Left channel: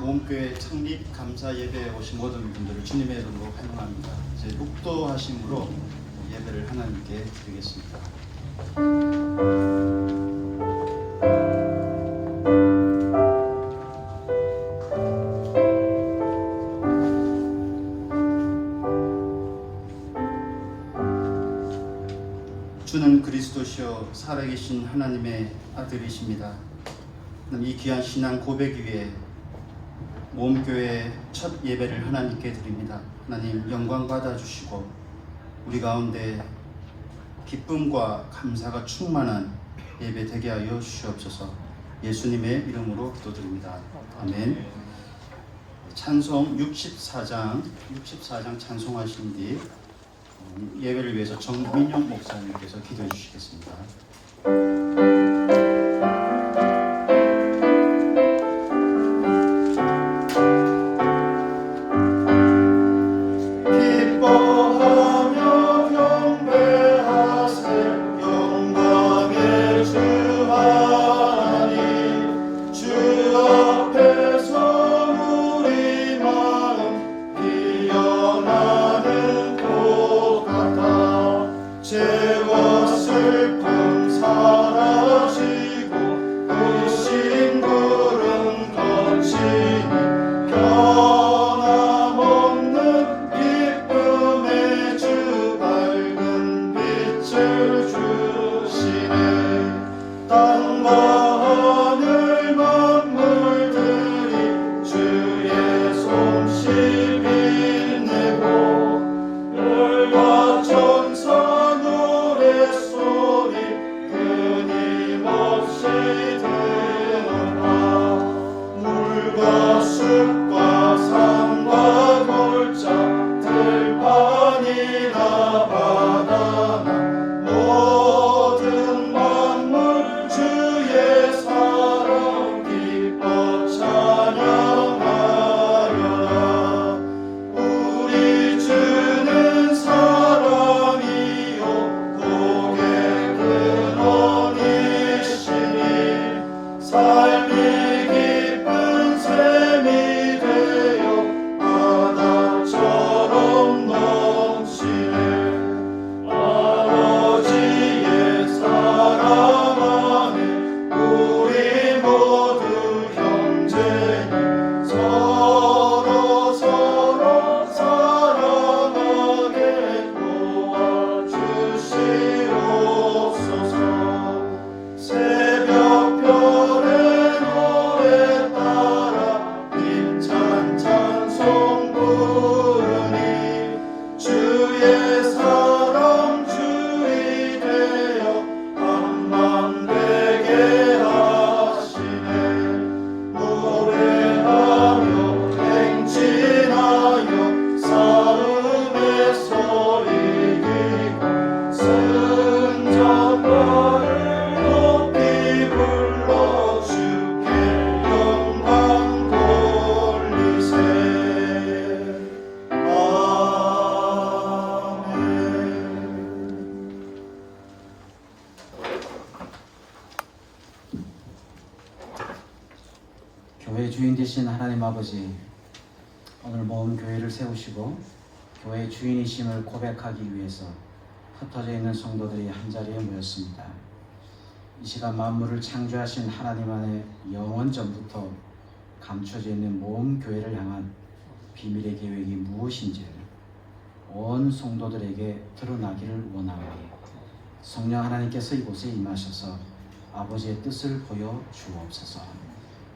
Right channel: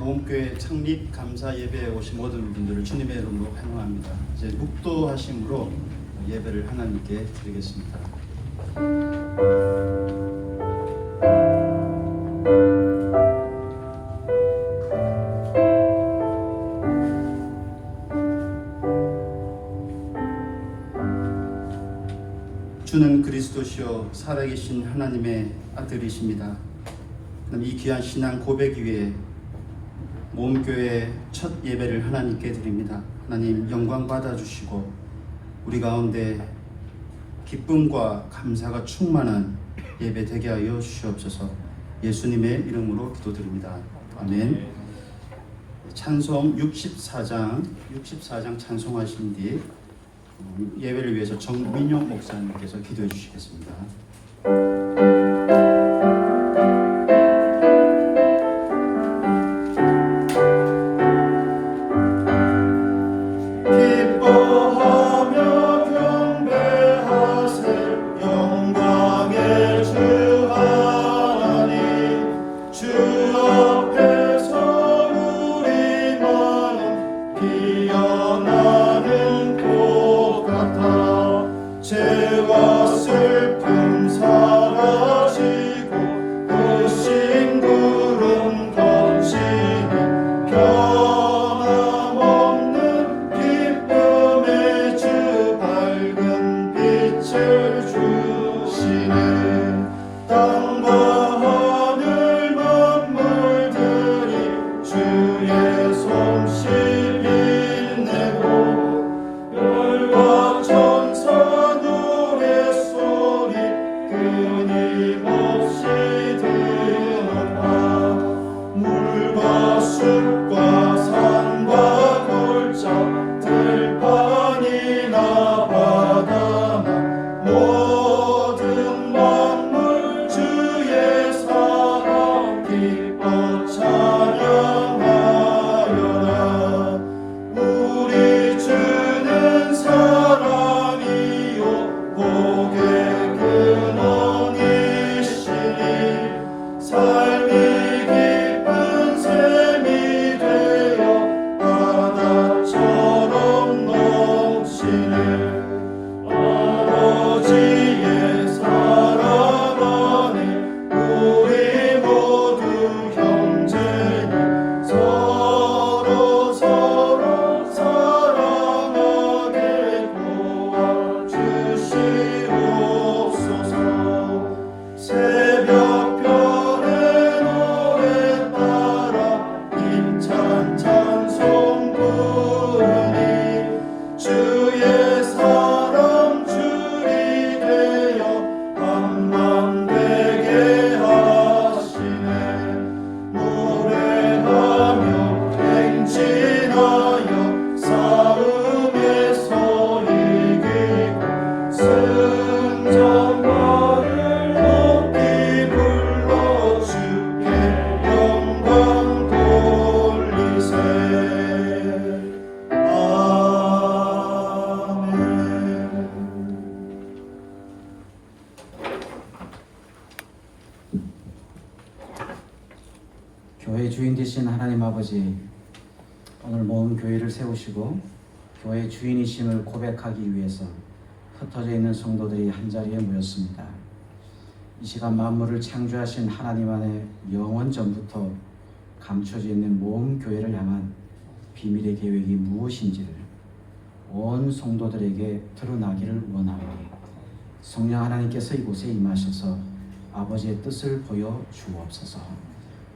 모험교회 창립 감사 예배에 오신 모든 분들을 주님의 이름으로 환영합니다. 이제 묵도하심으로 예배를 하나님께 드리겠습니다. 주는 그리스도시요 살아계신 하나님의 아들이십니다. 이 귀한 신앙 고백 위에 모험교회 첫 예배를 하나님께 드립니다. 하나님 영광 받아주시고 우리 가운데 기쁨과 감사가 충만한 예배 되게 하여 주시옵소서. 예수님의 이름으로 기도드립니다. 아멘. 찬송 64장 찬송하신 뒤 예배를 위해서 정민용 목사님께서 기도해 주시겠습니다. 죄와 슬픔 사라지고 의심 구름 거치니 변함없는 기쁨의 주 밝은 빛을 주시네. 땅과 하늘 만물들이 주의 솜씨 빛내고 별과 천사 숲과 산과 골짜 들판이나 바다나 모든 만물 주의 사랑 기뻐 찬양하려라. 우리 주는 사랑이요 복의 근원이시니 삶이 바다처럼 넘치네. 아버지의 사랑 안에 우리 모두 형제니 서로 사랑하게 도와주시옵소서. 새벽별의 노래 따라 힘찬 찬송 주의 사랑 주이 되어 한맘 되게 하시네. 노래하며 행진하여 싸움에서 이기고 승전가를 높이 불러 주께 영광 돌리세. 교회 주인 되신 하나님 아버지, 오늘 모은 교회를 세우시고 교회의 주인이심을 고백하기 위해서 흩어져 있는 성도들이 한자리에 모였습니다. 이 시간 만물을 창조하신 하나님 안에 영원 전부터 감춰져 있는 모은 교회를 향한 비밀의 계획이 무엇인지를 온 성도들에게 드러나기를 원하오니 성령 하나님께서 이곳에 임하셔서 아버지의 뜻을 보여 주옵소서.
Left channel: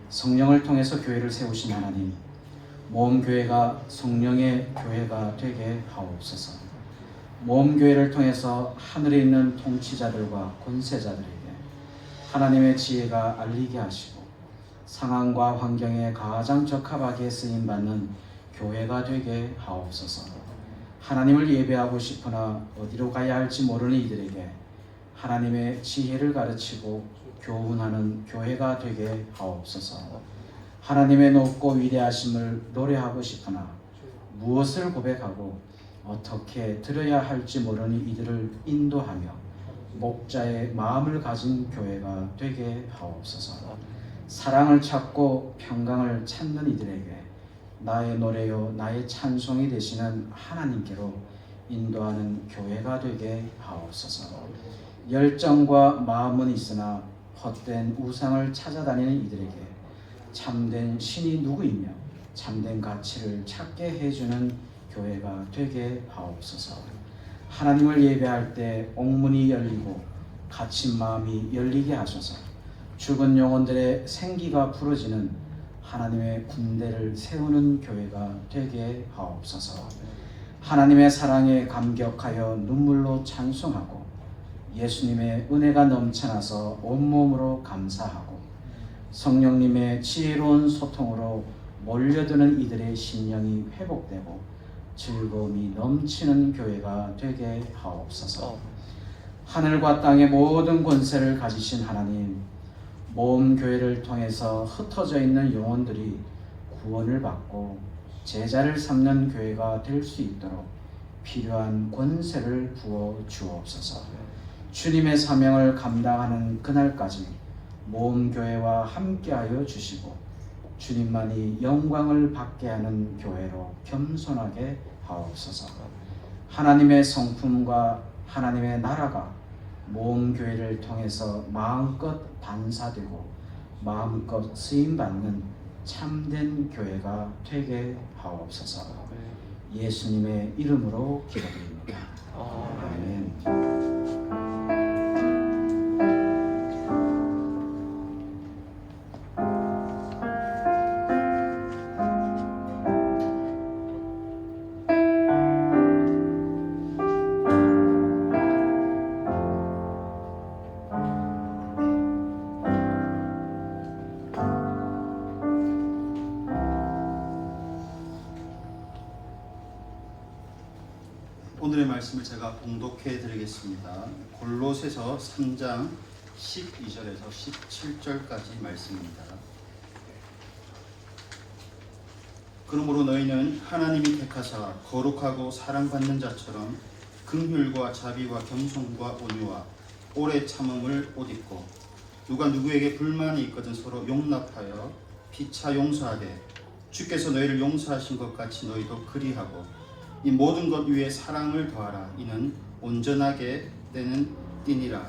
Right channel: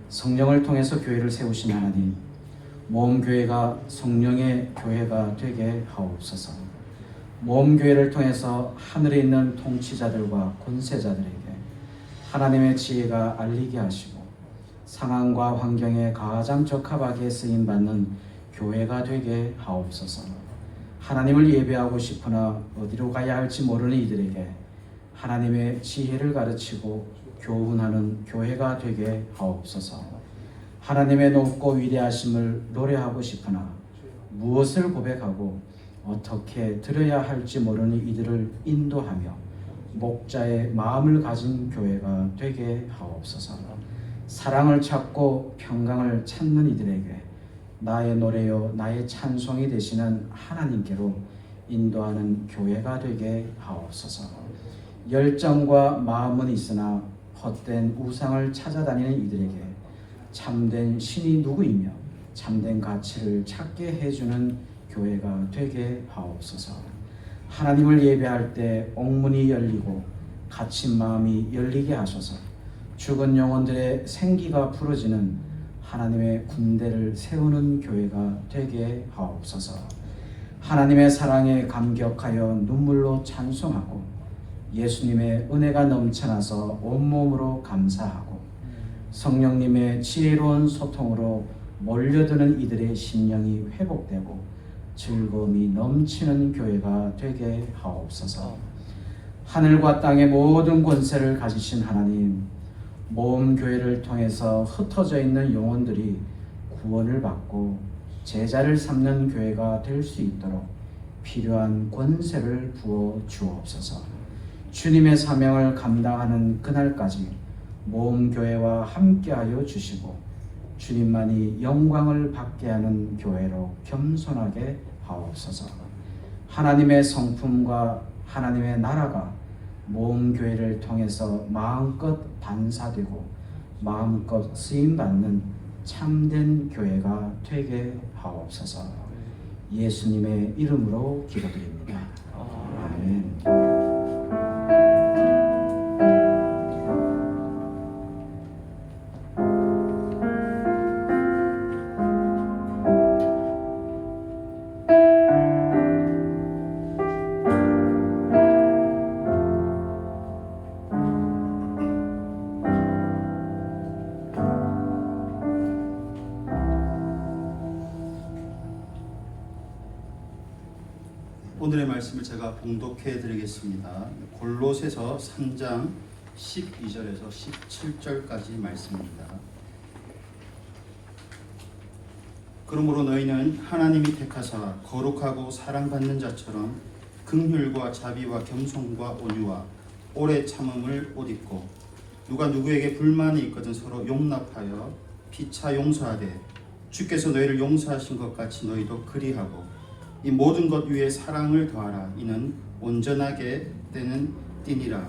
성령을 통해서 교회를 세우신 하나님, 모험교회가 성령의 교회가 되게 하옵소서. 모험교회를 통해서 하늘에 있는 통치자들과 권세자들에게 하나님의 지혜가 알리게 하시고 상황과 환경에 가장 적합하게 쓰임받는 교회가 되게 하옵소서. 하나님을 예배하고 싶으나 어디로 가야 할지 모르는 이들에게 하나님의 지혜를 가르치고 교훈하는 교회가 되게 하옵소서. 하나님의 높고 위대하심을 노래하고 싶으나 무엇을 고백하고 어떻게 드려야 할지 모르는 이들을 인도하며 목자의 마음을 가진 교회가 되게 하옵소서. 사랑을 찾고 평강을 찾는 이들에게 나의 노래요 나의 찬송이 되시는 하나님께로 인도하는 교회가 되게 하옵소서. 열정과 마음은 있으나 헛된 우상을 찾아다니는 이들에게 참된 신이 누구이며 참된 가치를 찾게 해주는 교회가 되게 하옵소서. 하나님을 예배할 때 옥문이 열리고 갇힌 마음이 열리게 하소서. 죽은 영혼들의 생기가 풀어지는 하나님의 군대를 세우는 교회가 되게 하옵소서. 하나님의 사랑에 감격하여 눈물로 찬송하고 예수님의 은혜가 넘쳐나서 온몸으로 감사하고 성령님의 지혜로운 소통으로 몰려드는 이들의 심령이 회복되고 즐거움이 넘치는 교회가 되게 하옵소서. 하늘과 땅의 모든 권세를 가지신 하나님, 모험 교회를 통해서 흩어져 있는 영혼들이 구원을 받고 제자를 삼는 교회가 될 수 있도록 필요한 권세를 부어 주옵소서. 주님의 사명을 감당하는 그날까지 모험 교회와 함께하여 주시고 주님만이 영광을 받게 하는 교회로 겸손하게 하옵소서. 하나님의 성품과 하나님의 나라가 모험 교회를 통해서 마음껏 반사되고 마음껏 쓰임받는 참된 교회가 되게 하옵소서. 예수님의 이름으로 기도드립니다. 아멘. 오늘의 말씀을 제가 봉독해 드리겠습니다. 골로새서 3장 12절에서 17절까지 말씀입니다. 그러므로 너희는 하나님이 택하사 거룩하고 사랑받는 자처럼 긍휼과 자비와 겸손과 온유와 오래 참음을 옷 입고 누가 누구에게 불만이 있거든 서로 용납하여 피차 용서하되 주께서 너희를 용서하신 것 같이 너희도 그리하고 이 모든 것 위에 사랑을 더하라. 이는 온전하게 때는 띠니라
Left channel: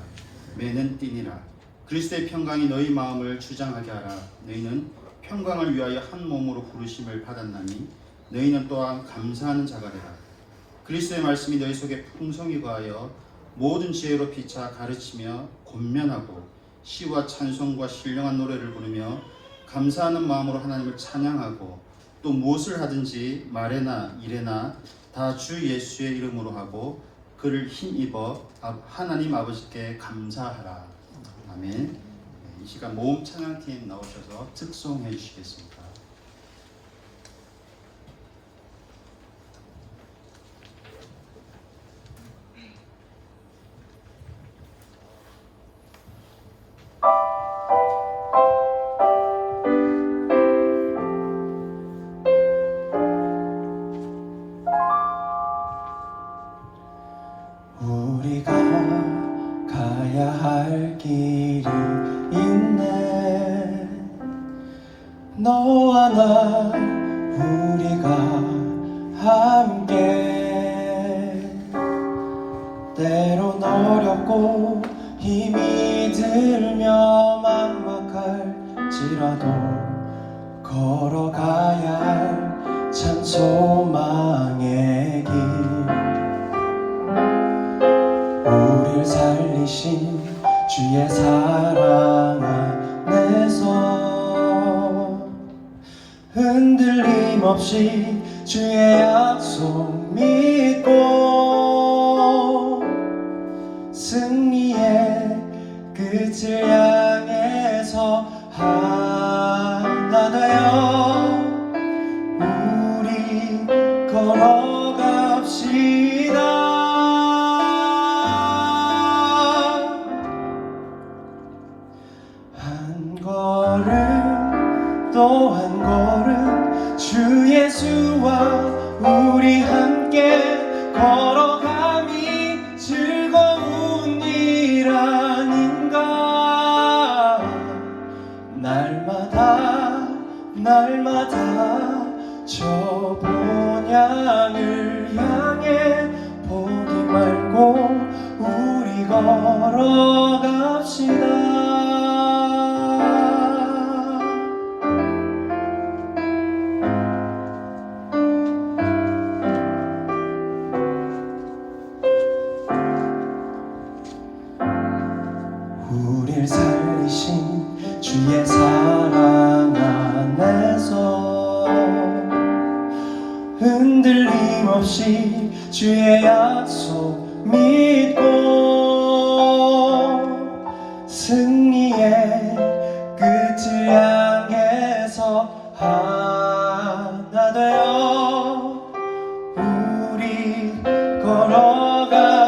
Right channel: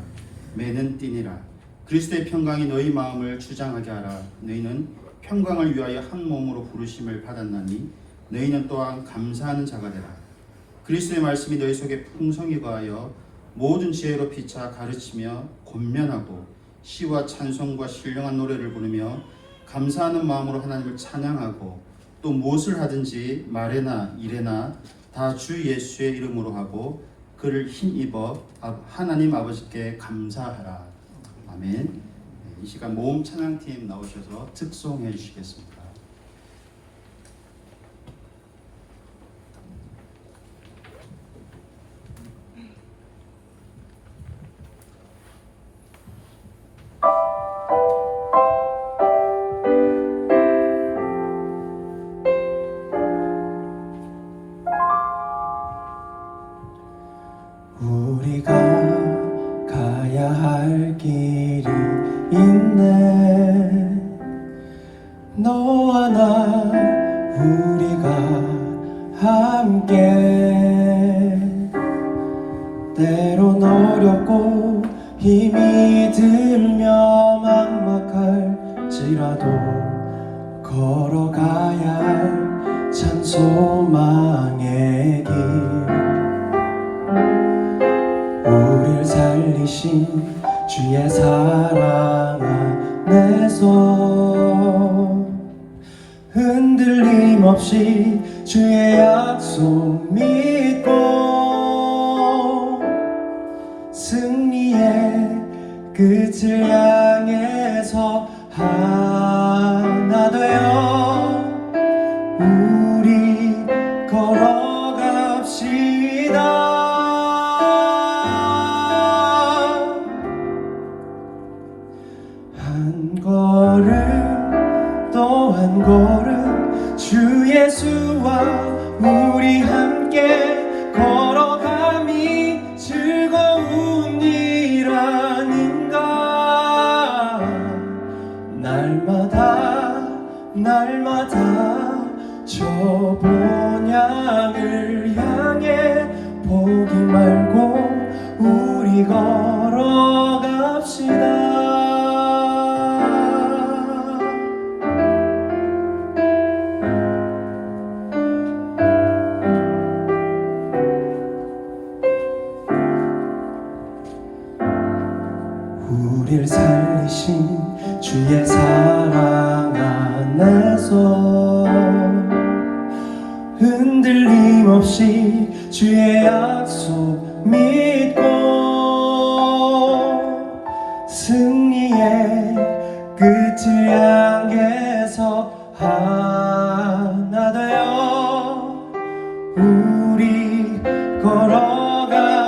매는 띠니라. 그리스도의 평강이 너희 마음을 주장하게 하라. 너희는 평강을 위하여 한 몸으로 부르심을 받았나니 너희는 또한 감사하는 자가 되라. 그리스도의 말씀이 너희 속에 풍성히 거하여 모든 지혜로 피차 가르치며 권면하고 시와 찬송과 신령한 노래를 부르며 감사하는 마음으로 하나님을 찬양하고 또 무엇을 하든지 말에나 일에나 다 주 예수의 이름으로 하고 그를 힘입어 하나님 아버지께 감사하라. 아멘. 이 시간 모험 찬양팀 나오셔서 특송해 주시겠습니다. 우리가 가야 할 길이 있네. 너와 나 우리가 함께 때론 어렵고 힘이 들며 막막할지라도 걸어가야 할 참 소망의 길. 우릴 살리신 주의 사랑 안에서 흔들림 없이 주의 약속 믿고 승리의 끝을 향해서 하나 되어 우리 걸어갑시다. 한 걸음 또 한 걸음 주 예수와 우리 함께 걸어감이 즐거운 일 아닌가. 날마다 저 본향을 향해 보기 말고 우리 걸어갑시다. 우릴 살리신 주의 사랑 안에서 흔들림 없이 주의 약속 믿고 승리의 끝을 향해서 하나 되어 우리 걸어갑시다.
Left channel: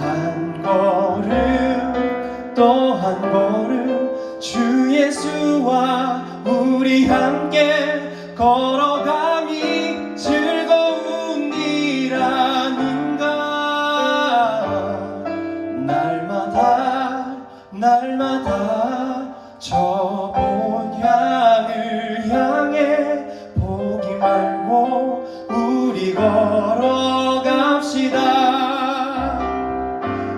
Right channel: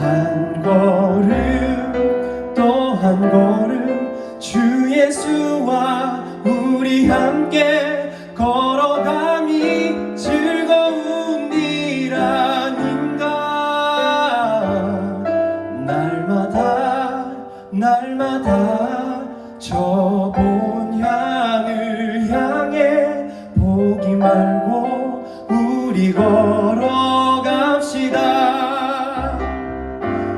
한 걸음 또 한 걸음 주 예수와 우리 함께 걸어감이 즐거운 일 아닌가. 날마다 저 본향을 향해 보기 말고 우리 걸어갑시다.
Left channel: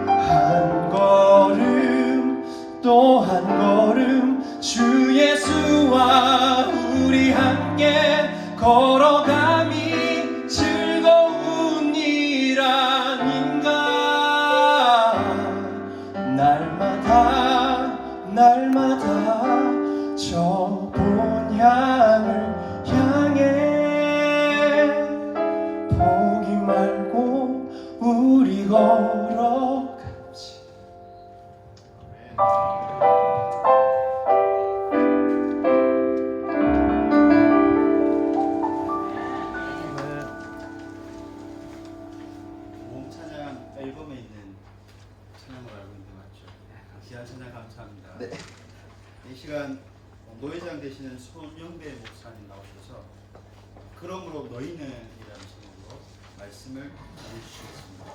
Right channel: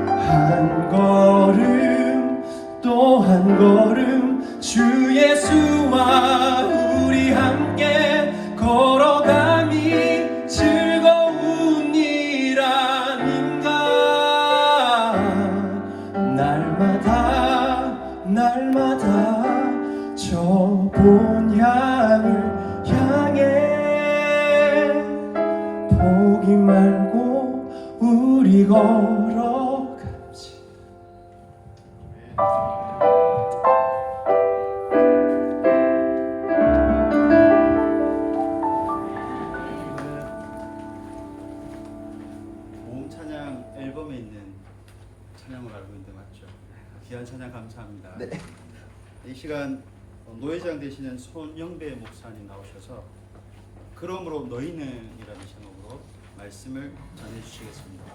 한 걸음 또 한 걸음 주 예수와 우리 함께 걸어감이 즐거운 일 아닌가. 날마다 저 본향을 향해 보기 말고 우리 걸어갑시다. 모음 찬양 앨범에 있는 찬양을 알고 있는데 맞죠? 귀한 찬양 감사합니다. 네. 이 시간 노회장 되시는 손영배 목사님 나오셔서 그러므로 너희는이라는 제목으로 말씀을 전해주시겠습니다.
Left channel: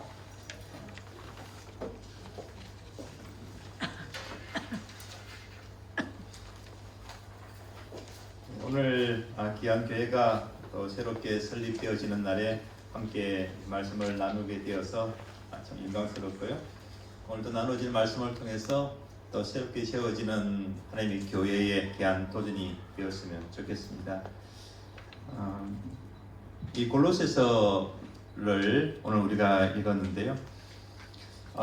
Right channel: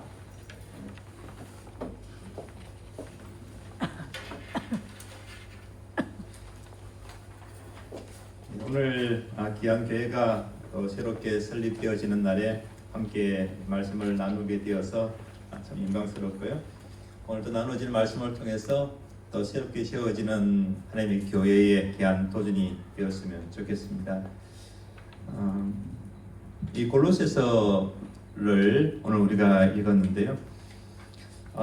오늘 귀한 교회가 새롭게 설립되어지는 날에 함께 말씀을 나누게 되어서 참 영광스럽고요. 오늘도 나누어질 말씀을 통해서 또 새롭게 세워지는 하나님의 교회에 대한 도전이 되었으면 좋겠습니다. 이 골로새서를 오늘 우리가 읽었는데요.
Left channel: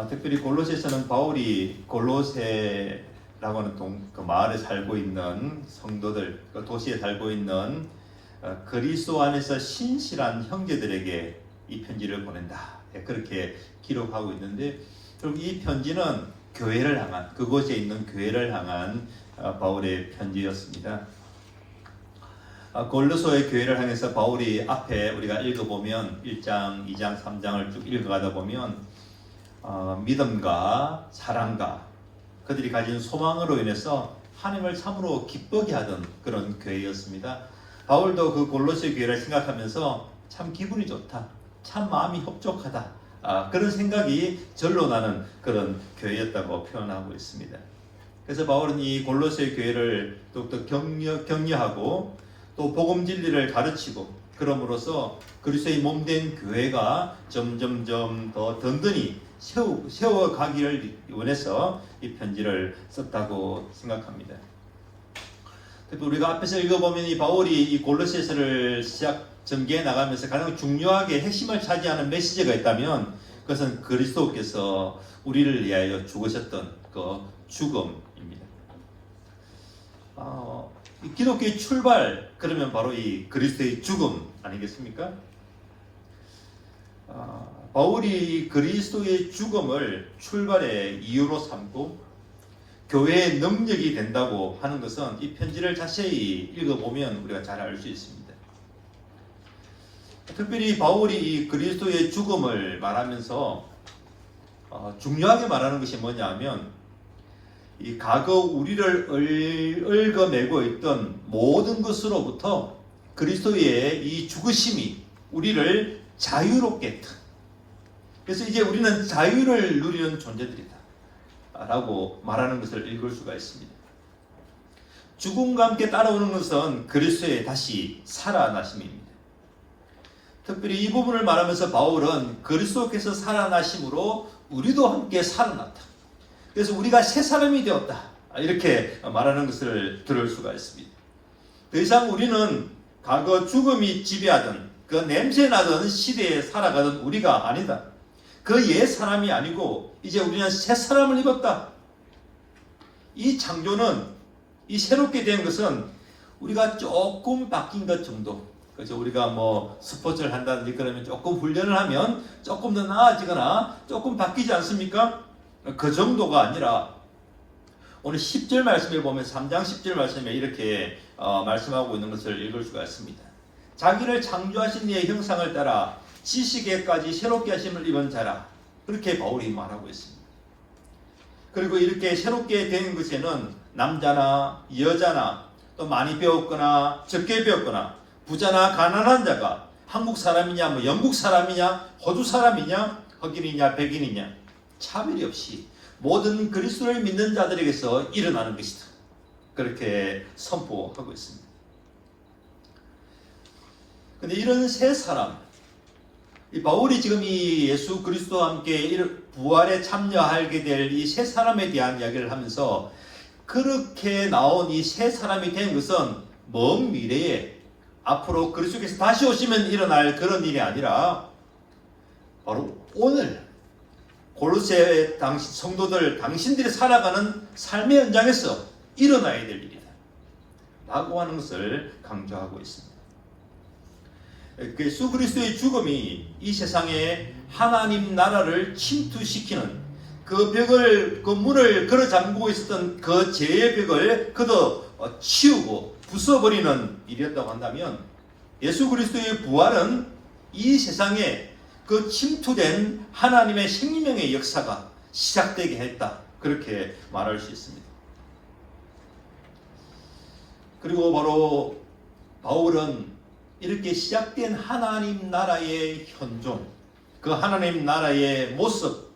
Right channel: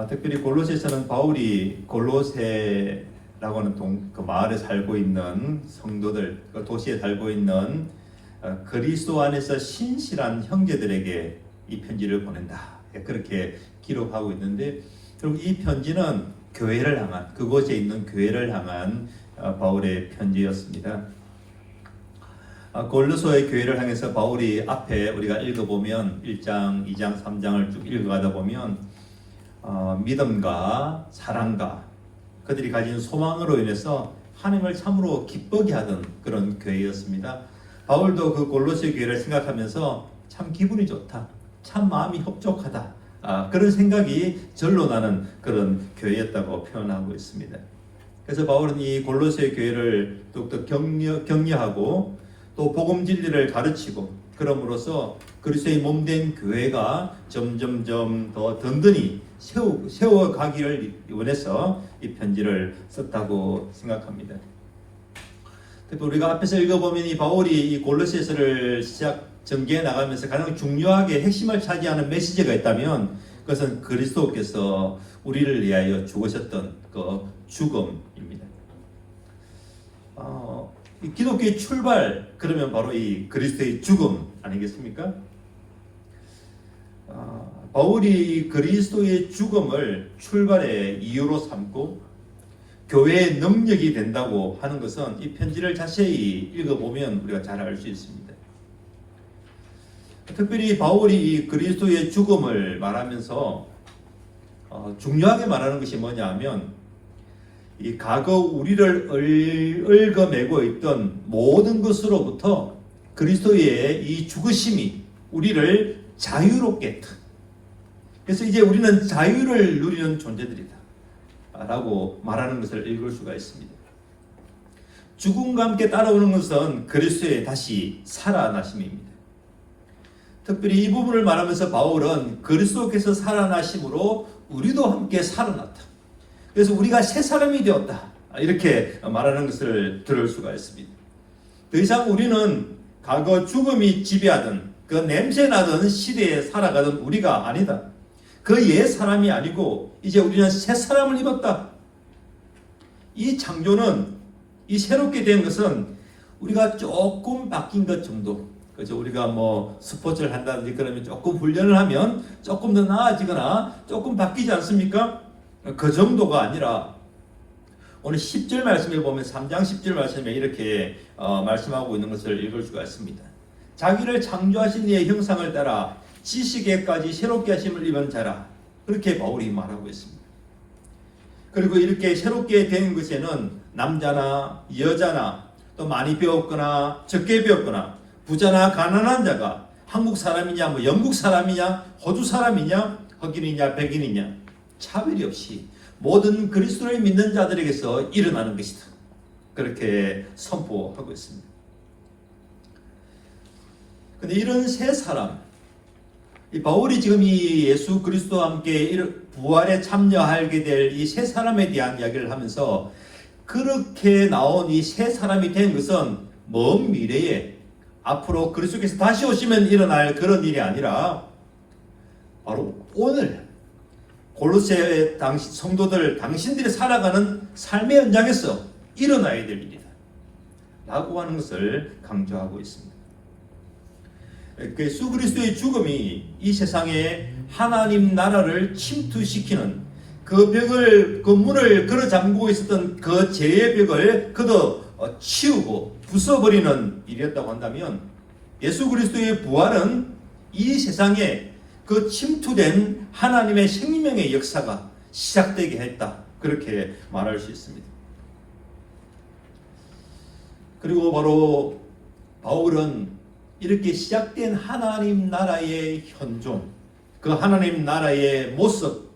특별히 골로새서는 바울이 골로새라고 하는 그 마을에 살고 있는 성도들, 그 도시에 살고 있는 그리스도 안에서 신실한 형제들에게 이 편지를 보낸다. 그렇게 기록하고 있는데, 결국 이 편지는 교회를 향한, 그곳에 있는 교회를 향한 바울의 편지였습니다. 골로새의 교회를 향해서 바울이 앞에 우리가 읽어보면 1장, 2장, 3장을 쭉 읽어가다 보면 믿음과 사랑과 그들이 가진 소망으로 인해서 하나님을 참으로 기쁘게 하던 그런 교회였습니다. 바울도 그 골로새 교회를 생각하면서 참 기분이 좋다, 참 마음이 흡족하다, 그런 생각이 절로 나는 그런 교회였다고 표현하고 있습니다. 그래서 바울은 이 골로새 교회를 더욱더 격려하고 또 복음 진리를 가르치고 그럼으로써 그리스도의 몸된 교회가 점점 더 든든히 세워가기를 원해서 이 편지를 썼다고 생각합니다. 우리가 앞에서 읽어보면 이 바울이 이 골로새서를 전개해 나가면서 가장 중요하게 핵심을 차지하는 메시지가 있다면 그것은 그리스도께서 우리를 위하여 죽으셨던 그 죽음입니다. 기독교의 출발, 그러면 바로 이 그리스도의 죽음 아니겠습니까? 바울이 그리스도의 죽음을 출발의 이유로 삼고 교회의 능력이 된다고 하는 것은 이 편지를 자세히 읽어보면 우리가 잘 알 수 있습니다. 특별히 바울이 이 그리스도의 죽음을 말하면서 중요하게 말하는 것이 뭐냐 하면 이 과거 우리를 얽어매고 있던 모든 것으로부터 그리스도의 이 죽으심이 우리를 자유롭게 했다. 그래서 이제 우리는 자유를 누리는 존재들이다 라고 말하는 것을 읽을 수가 있습니다. 죽음과 함께 따라오는 것은 그리스도의 다시 살아나심입니다. 특별히 이 부분을 말하면서 바울은 그리스도께서 살아나심으로 우리도 함께 살아났다. 그래서 우리가 새 사람이 되었다. 이렇게 말하는 것을 들을 수가 있습니다. 더 이상 우리는 과거 죽음이 지배하던 그 냄새나던 시대에 살아가던 우리가 아니다. 그 옛 사람이 아니고 이제 우리는 새 사람을 입었다. 이 창조는, 이 새롭게 된 것은 우리가 조금 바뀐 것 정도. 그래서 우리가 뭐 스포츠를 한다든지 그러면 조금 훈련을 하면 조금 더 나아지거나 조금 바뀌지 않습니까? 그 정도가 아니라 오늘 10절 말씀에 보면 3장 10절 말씀에 이렇게 말씀하고 있는 것을 읽을 수가 있습니다. 자기를 창조하신 이의 형상을 따라 지식에까지 새롭게 하심을 입은 자라. 그렇게 바울이 말하고 있습니다. 그리고 이렇게 새롭게 된 것에는 남자나 여자나 또 많이 배웠거나 적게 배웠거나 부자나 가난한 자가 한국 사람이냐 뭐 영국 사람이냐 호주 사람이냐 흑인이냐 백인이냐 차별이 없이 모든 그리스도를 믿는 자들에게서 일어나는 것이다. 그렇게 선포하고 있습니다. 근데 이런 새 사람, 이 바울이 지금 이 예수 그리스도와 함께 부활에 참여하게 될 이 새 사람에 대한 이야기를 하면서 그렇게 나온 이 새 사람이 된 것은 먼 미래에 앞으로 그리스도께서 다시 오시면 일어날 그런 일이 아니라 바로 오늘 골로새 성도들 당신들이 살아가는 삶의 현장에서 일어나야 될 일이다 라고 하는 것을 강조하고 있습니다. 예수 그리스도의 죽음이 이 세상에 하나님 나라를 침투시키는 그 벽을, 그 문을 걸어 잠그고 있었던 그 죄의 벽을 그도 치우고 부숴버리는 일이었다고 한다면 예수 그리스도의 부활은 이 세상에 그 침투된 하나님의 생명의 역사가 시작되게 했다. 그렇게 말할 수 있습니다. 그리고 바로 바울은 이렇게 시작된 하나님 나라의 현종, 그 하나님 나라의 모습,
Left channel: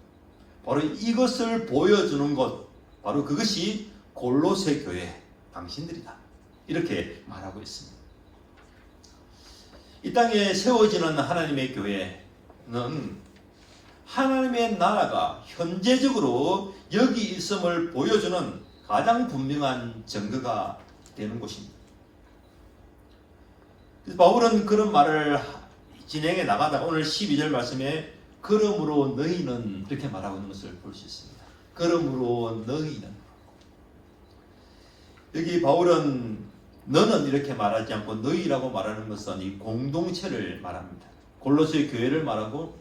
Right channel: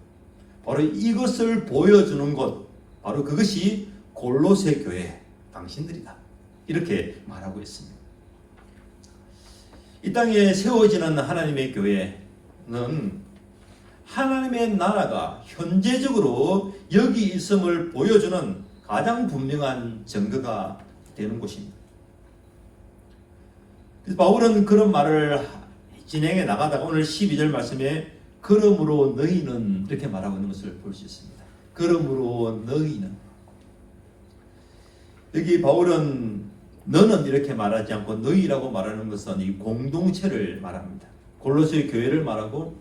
바로 이것을 보여주는 것, 바로 그것이 골로새 교회 당신들이다. 이렇게 말하고 있습니다. 이 땅에 세워지는 하나님의 교회는 하나님의 나라가 현재적으로 여기 있음을 보여주는 가장 분명한 증거가 되는 곳입니다. 그래서 바울은 그런 말을 진행해 나가다가 오늘 12절 말씀에 그러므로 너희는 이렇게 말하고 있는 것을 볼 수 있습니다. 그러므로 너희는, 여기 바울은 너는 이렇게 말하지 않고 너희라고 말하는 것은 이 공동체를 말합니다. 골로새 교회를 말하고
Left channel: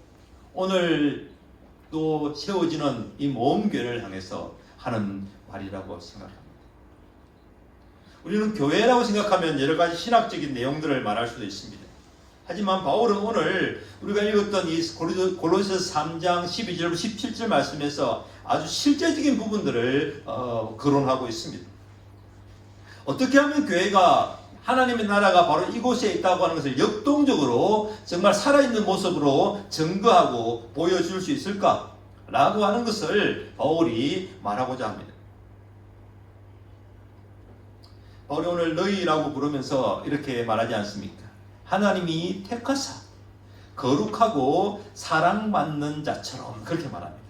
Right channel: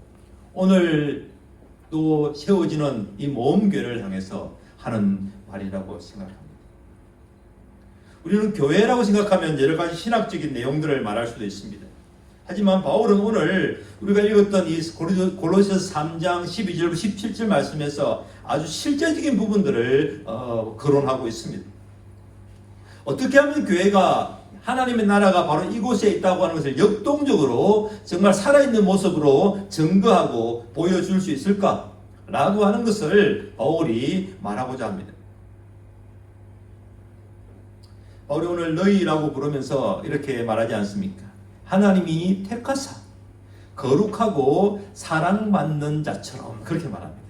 오늘 또 세워지는 이 모험 교회를 향해서 하는 말이라고 생각합니다. 우리는 교회라고 생각하면 여러 가지 신학적인 내용들을 말할 수도 있습니다. 하지만 바울은 오늘 우리가 읽었던 이 골로새 3장 12절 17절 말씀에서 아주 실제적인 부분들을 거론하고 있습니다. 어떻게 하면 교회가 하나님의 나라가 바로 이곳에 있다고 하는 것을 역동적으로 정말 살아있는 모습으로 증거하고 보여줄 수 있을까라고 하는 것을 바울이 말하고자 합니다. 바울이 오늘 너희라고 부르면서 이렇게 말하지 않습니까? 하나님이 택하사 거룩하고 사랑받는 자처럼 그렇게 말합니다.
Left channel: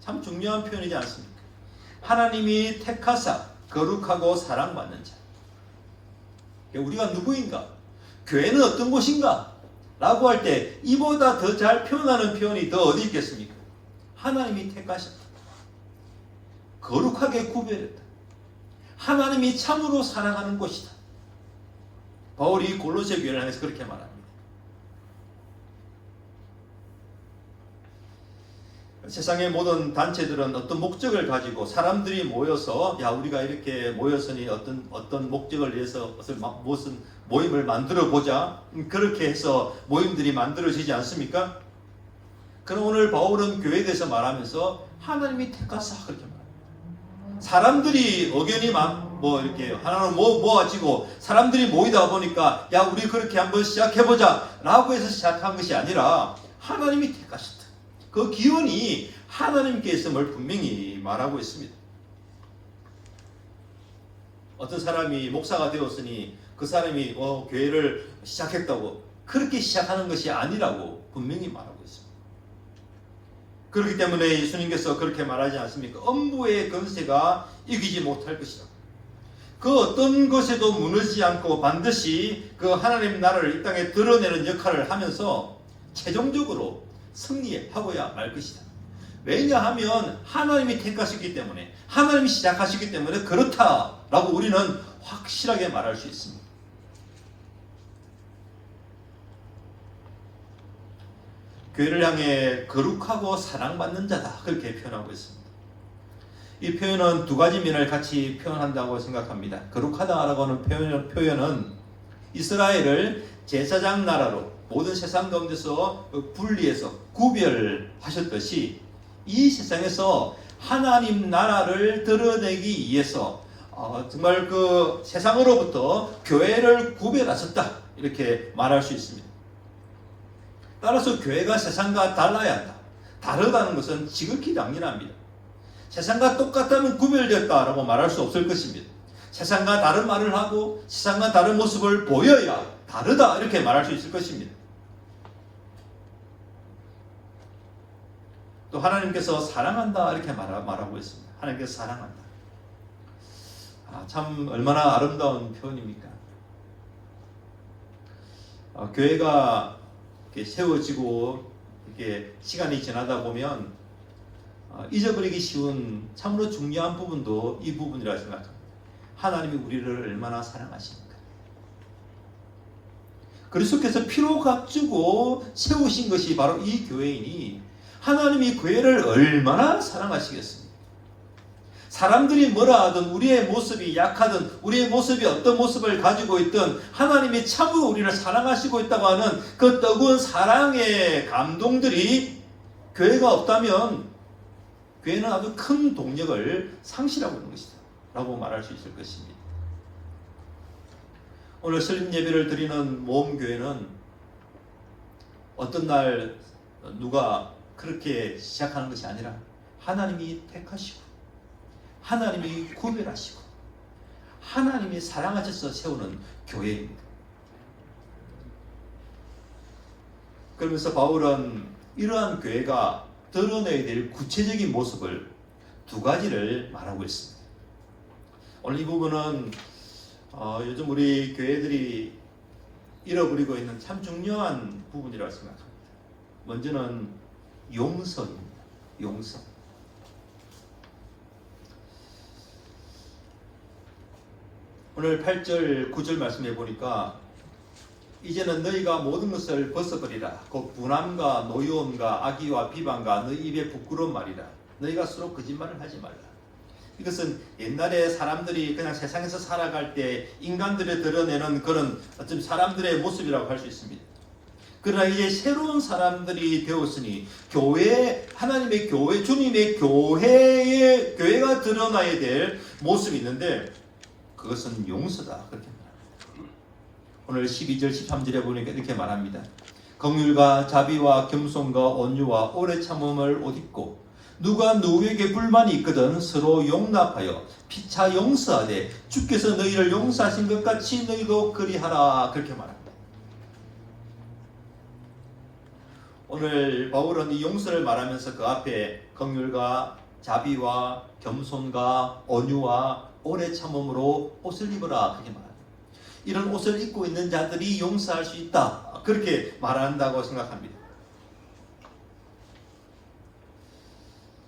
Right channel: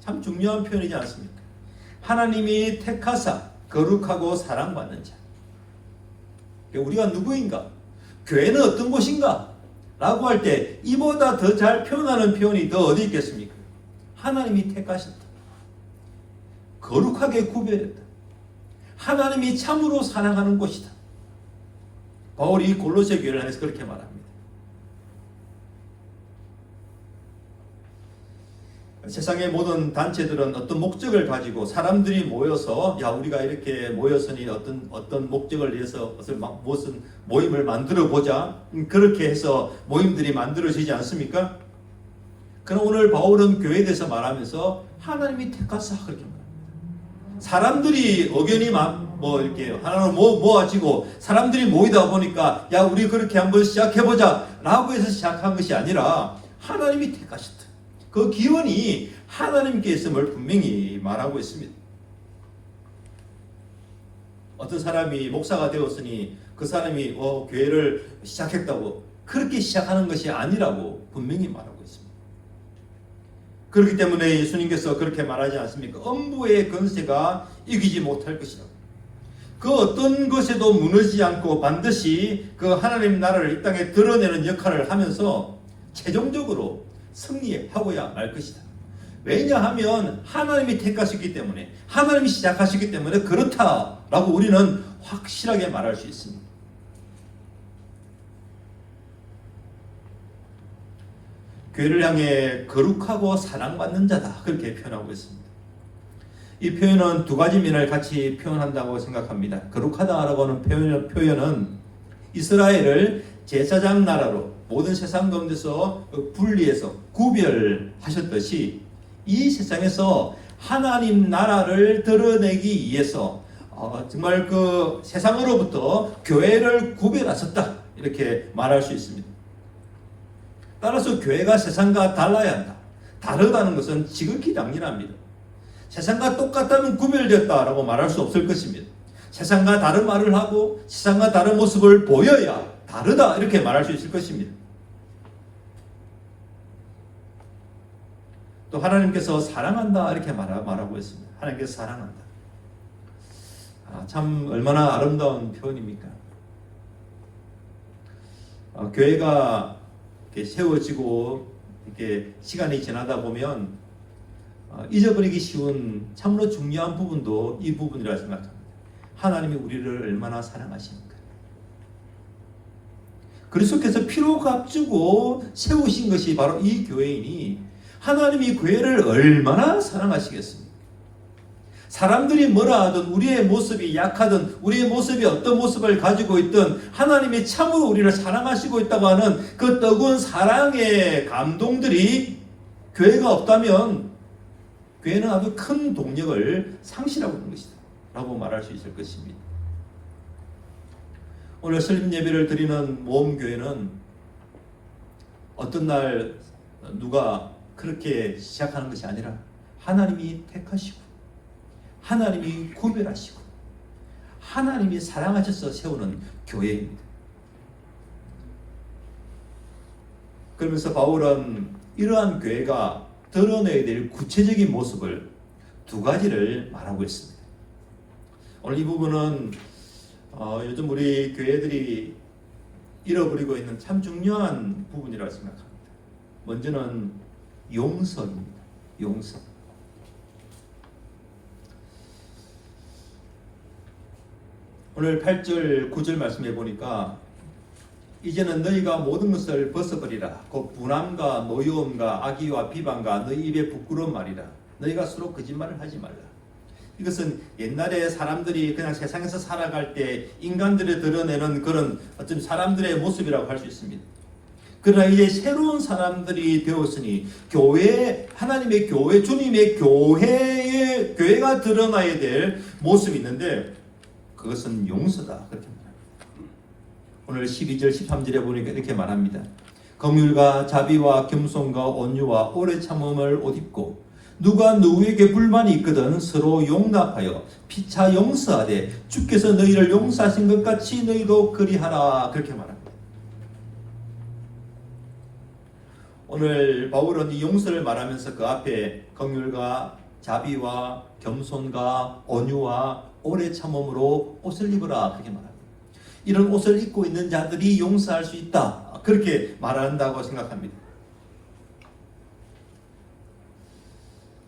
참 중요한 표현이지 않습니까? 하나님이 택하사 거룩하고 사랑받는 자. 우리가 누구인가? 교회는 어떤 곳인가? 라고 할 때 이보다 더 잘 표현하는 표현이 더 어디 있겠습니까? 하나님이 택하셨다. 거룩하게 구별했다. 하나님이 참으로 사랑하는 곳이다. 바울이 골로새 교회를 향해서 그렇게 말합니다. 세상의 모든 단체들은 어떤 목적을 가지고 사람들이 모여서 야 우리가 이렇게 모였으니 어떤 목적을 위해서 무슨 모임을 만들어 보자 그렇게 해서 모임들이 만들어지지 않습니까? 그럼 오늘 바울은 교회에 대해서 말하면서 하나님이 택하사 그렇게 말합니다. 사람들이 의견이 이렇게 하나는 모아지고 사람들이 모이다 보니까 야 우리 그렇게 한번 시작해보자 라고 해서 시작한 것이 아니라 하나님이 택하셨다. 그 기원이 하나님께 있음을 분명히 말하고 있습니다. 어떤 사람이 목사가 되었으니 그 사람이 교회를 시작했다고 그렇게 시작하는 것이 아니라고 분명히 말하고 있습니다. 그렇기 때문에 예수님께서 그렇게 말하지 않습니까? 엄부의 권세가 이기지 못할 것이다. 그 어떤 것에도 무너지지 않고 반드시 그 하나님 나라를 이 땅에 드러내는 역할을 하면서 최종적으로 승리하고야 말 것이다. 왜냐하면 하나님이 택하셨기 때문에, 하나님이 시작하셨기 때문에 그렇다라고 우리는 확실하게 말할 수 있습니다. 교회를 향해 거룩하고 사랑받는 자다, 그렇게 표현하고 있습니다. 이 표현은 두 가지 면을 같이 표현한다고 생각합니다. 거룩하다라고 하는 표현은 이스라엘을 제사장 나라로 모든 세상 가운데서 분리해서 구별하셨듯이 이 세상에서 하나님 나라를 드러내기 위해서 정말 그 세상으로부터 교회를 구별하셨다, 이렇게 말할 수 있습니다. 따라서 교회가 세상과 달라야 한다. 다르다는 것은 지극히 당연합니다. 세상과 똑같다면 구별되었다라고 말할 수 없을 것입니다. 세상과 다른 말을 하고 세상과 다른 모습을 보여야 다르다, 이렇게 말할 수 있을 것입니다. 또 하나님께서 사랑한다, 이렇게 말하고 있습니다. 하나님께서 사랑한다. 참 얼마나 아름다운 표현입니까? 교회가 이렇게 세워지고 이렇게 시간이 지나다 보면 잊어버리기 쉬운 참으로 중요한 부분도 이 부분이라 생각합니다. 하나님이 우리를 얼마나 사랑하십니까? 그리스도께서 피로 값주고 세우신 것이 바로 이 교회이니 하나님이 교회를 얼마나 사랑하시겠습니까? 사람들이 뭐라 하든, 우리의 모습이 약하든, 우리의 모습이 어떤 모습을 가지고 있든 하나님이 참으로 우리를 사랑하시고 있다고 하는 그 뜨거운 사랑의 감동들이 교회가 없다면 교회는 아주 큰 동력을 상실하고 있는 것이다 라고 말할 수 있을 것입니다. 오늘 설립 예배를 드리는 모험교회는 어떤 날 누가 그렇게 시작하는 것이 아니라 하나님이 택하시고 하나님이 구별하시고 하나님이 사랑하셔서 세우는 교회입니다. 그러면서 바울은 이러한 교회가 드러내야 될 구체적인 모습을 두 가지를 말하고 있습니다. 오늘 이 부분은 요즘 우리 교회들이 잃어버리고 있는 참 중요한 부분이라고 생각합니다. 먼저는 용서입니다. 용서. 오늘 8절 9절 말씀해 보니까 이제는 너희가 모든 것을 벗어버리라. 곧 분함과 노여움과 악의와 비방과 너희 입에 부끄러운 말이라. 너희가 서로 거짓말을 하지 말라. 이것은 옛날에 사람들이 그냥 세상에서 살아갈 때 인간들이 드러내는 그런 어떤 사람들의 모습이라고 할 수 있습니다. 그러나 이제 새로운 사람들이 되었으니 교회, 하나님의 교회, 주님의 교회가 드러나야 될 모습이 있는데 그것은 용서다, 그렇게 말합니다. 오늘 12절 13절에 보니까 이렇게 말합니다. 긍휼과 자비와 겸손과 온유와 오래 참음을 옷 입고 누가 누구에게 불만이 있거든 서로 용납하여 피차 용서하되 주께서 너희를 용서하신 것 같이 너희도 그리하라, 그렇게 말합니다. 오늘 바울은 이 용서를 말하면서 그 앞에 긍휼과 자비와 겸손과 온유와 오래 참음으로 옷을 입어라, 그렇게 말합니다. 이런 옷을 입고 있는 자들이 용서할 수 있다, 그렇게 말한다고 생각합니다.